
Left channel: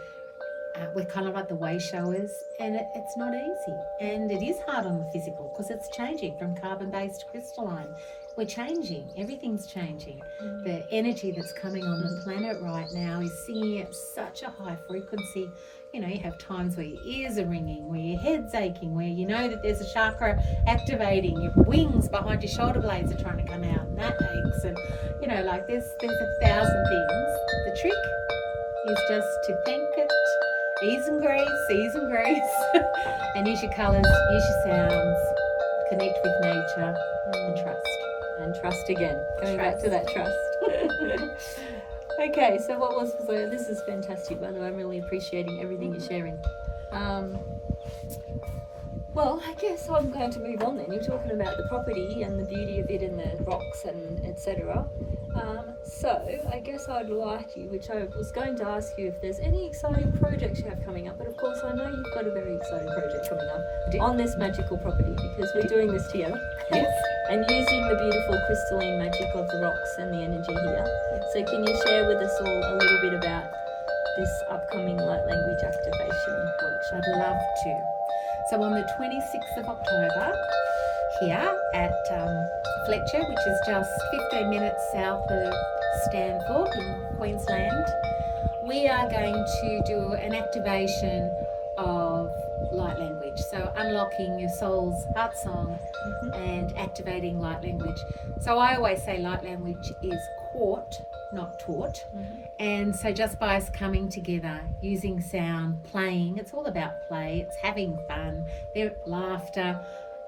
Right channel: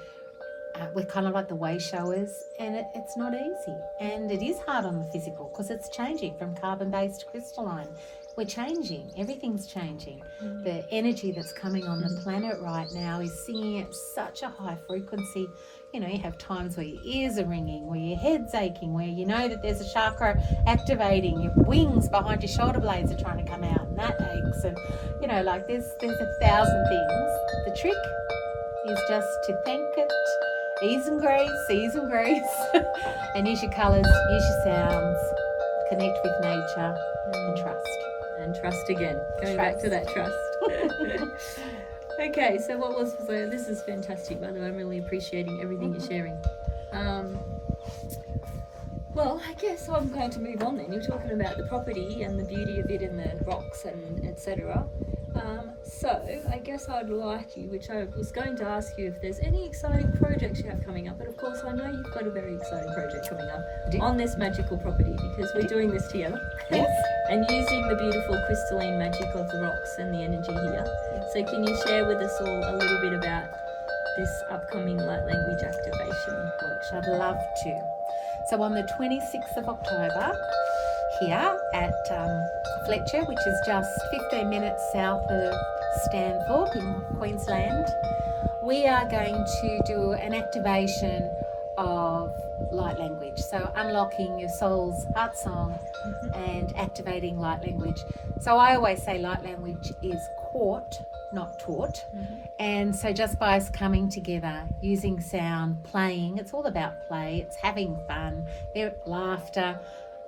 we're kind of like the way showers, and it's not easy, and it is hard on the physical because it's changing from carbon-based to crystalline. We're changing. Everything's changing. The energy that's coming on the planet right now is singing at such a high frequency. You have times where your ears are ringing, where your head's aching, where you know that there's a chakra activating, your wings behind your shoulder blades are trying to come out, and that aches. And, there's 1,000 things. The trick is just to thank it, ease and grace, and use your colours, use your sounds, connect with nature, and trust. And trust again. Going back to that trust. Okay, so this is fantastic, by the way. I'm really appreciating everything you're sharing. Well, I guess I'm going to move on then. You're talking about the property and the beauty of it and the rocks and etc. So I guess I'd like you, which I was going to ask you, if there's any exciting projects you have coming up. But of course I know you've got a very exciting project coming up on this magical property, because we're doing this together. Yes. And using the beautiful crystalline magic of the rocks and the energy here. So can you share with us all a little bit about this upcoming light language activation workshop? I'd love to. So on the 26th of October, here at Fletcher, which is just 15 minutes south of Stanthorpe in Queensland, we are going to do an activation of light language. So unlocking your soul's heart song and activating light language. So I always say light language is caught, not taught. And so just by us coming together, using sound, playing, it's all about play, it's having fun, laughter,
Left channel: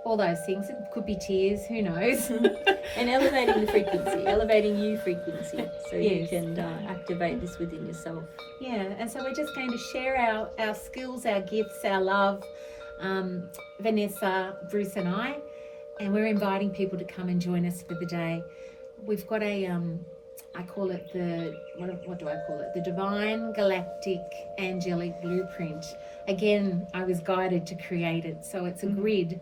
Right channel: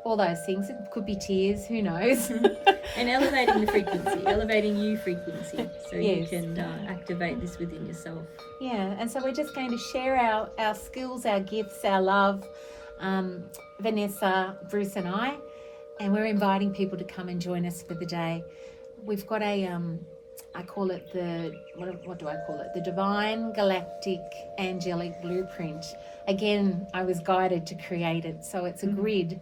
all those things. It could be tears, who knows? And elevating the frequency, elevating you frequency, so you Yes. can activate this within yourself. Yeah, and so we're just going to share our skills, our gifts, our love, Vanessa, Bruce and and we're inviting people to come and join us for the day. We've got I call it what do I call it? The Divine Galactic Angelic Blueprint. Again, I was guided to create it. So it's a grid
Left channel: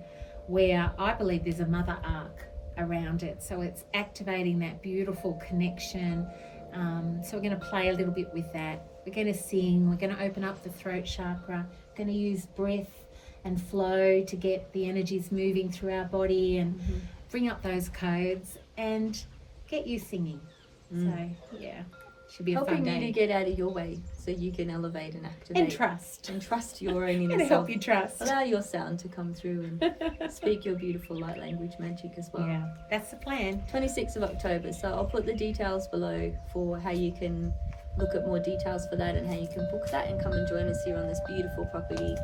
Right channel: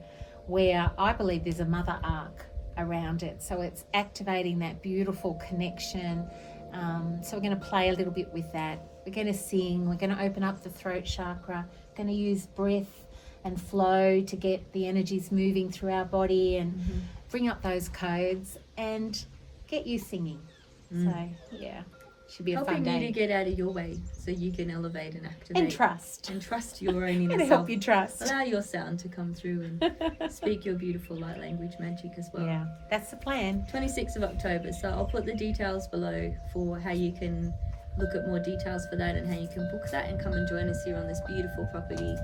where I believe there's a mother arc around it. So it's activating that beautiful connection. So we're going to play a little bit with that. We're going to sing. We're going to open up the throat chakra. We're going to use breath and flow to get the energies moving through our body and bring up those codes and get you singing. So, yeah, should be a fun day. Helping you to get out of your way so you can elevate and activate. And trust. And trust your own inner And self. help you trust. Allow your sound to come through and speak your beautiful light language magic as well. Yeah, that's the plan. 26th of October. So I'll put the details below for how you can look at more details for that and how you can book that and come and join us here on this beautiful property.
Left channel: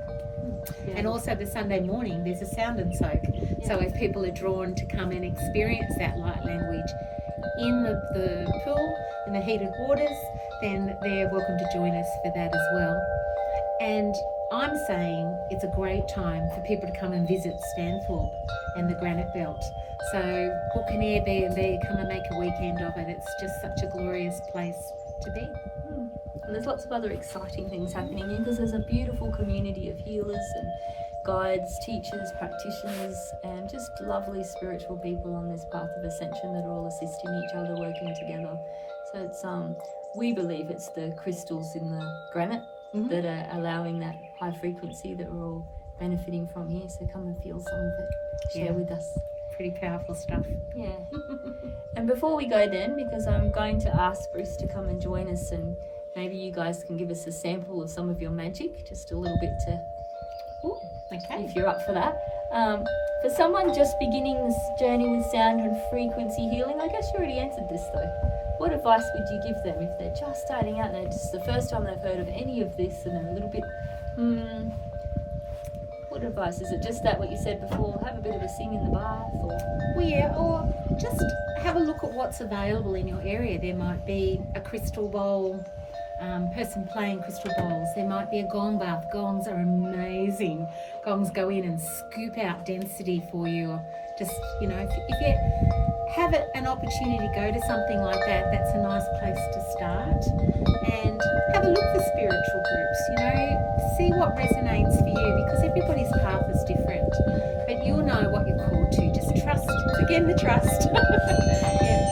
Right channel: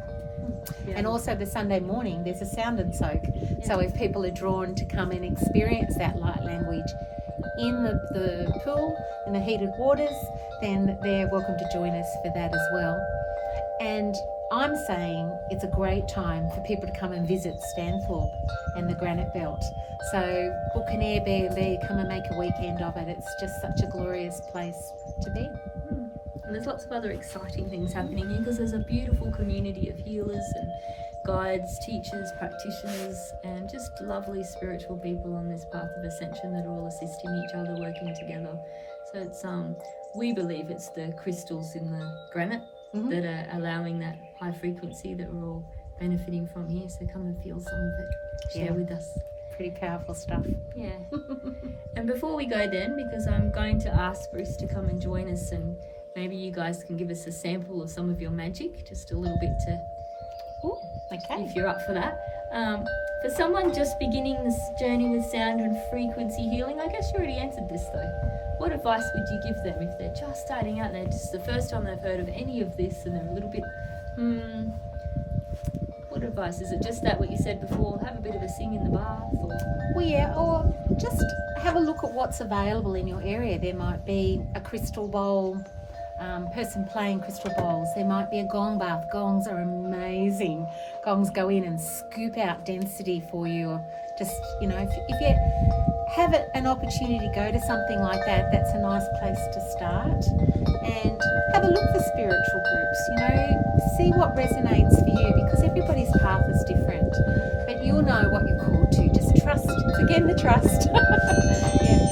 Yeah. And also the Sunday morning, there's a sound and soak. Yeah. So if people are drawn to come and experience that light language in the pool, in the heated waters, then they're welcome to join us for that as well. And I'm saying it's a great time for people to come and visit Stanthorpe and the Granite Belt. So book an Airbnb, come and make a weekend of it. It's just such a glorious place to be. And there's lots of other exciting things happening here because there's a beautiful community of healers and guides, teachers, practitioners, and just lovely spiritual people on this path of ascension that are all assisting each other, working together. So it's we believe it's the crystals in the granite that are allowing that high frequency that we're all benefiting from here. So come and feel some of it. Share with us. Pretty powerful stuff. Yeah. And before we go then, because I'm going to ask Bruce to come and join us, and maybe you guys can give us a sample of some of your magic, just a little bit to, okay, if you're up for that. For someone just beginning this journey with sound and frequency healing, I guess you already answered this though. What advice would you give them if they're just starting out and it's the first time they've heard of any of this and they're a little bit, what advice? Is it just that what you said before, have a bit of a sing in the bath? Or? Well, yeah, or just have a look at what's available in your area. There might be a crystal bowl, person playing crystal bowls. There might be a gong bath. Gongs are amazing. Gongs go in and scoop out density for you. Or just, you know, if you have an opportunity to go to something like that, that's a nice place to start. And have a look for spiritual groups, you know, see what resonates for you, because everybody's path is different. But you'll know what you're called to. Just trust. Again, the trust. Yeah.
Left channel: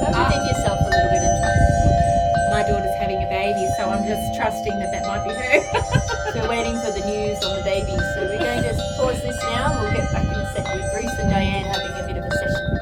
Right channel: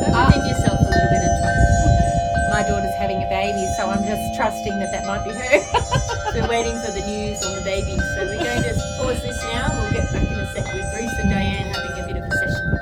Go within yourself a little bit and trust. My daughter's having a baby, so I'm just trusting that might be her. We're waiting for the news on the baby, so we're going to just pause this now and we'll get back in a sec with Bruce and Dianne having a bit of a session.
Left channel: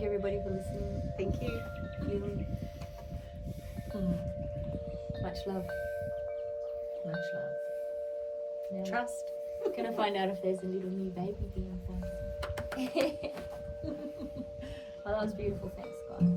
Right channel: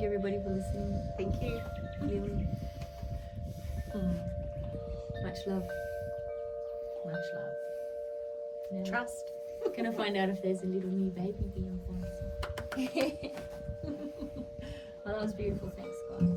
Thank you everybody for listening. Thank you. Feeling. Much love. Much love. Yeah. Trust. Gonna find out if there's a little new baby being born. Well, that was beautiful. Thanks, guys.